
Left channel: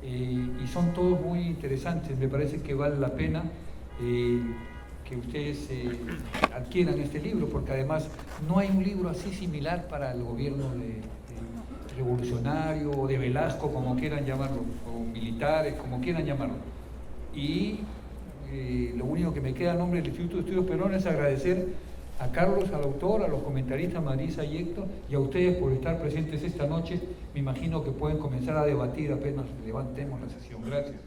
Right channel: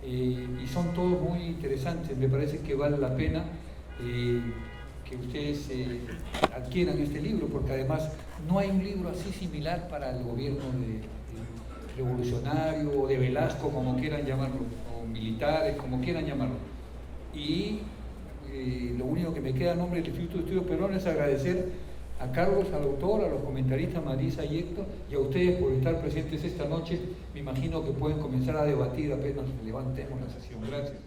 y son todos muy interesantes. Me parece que vale la pena que ustedes adquieran este libro, porque además no hay un libro así similar para el gobierno revolucionario o de Velasco, como quieran llamarlo, o militares, como quieran llamarlo. Y lo único que me queda a nombre del Instituto de Estudios Peruanos es agradecer a Carlos, al autor, a los comentaristas Marisa y Héctor, y a ustedes por estar presentes esta noche. Me imagino que pueden comenzar a debatir apenas levantemos la sesión. Gracias.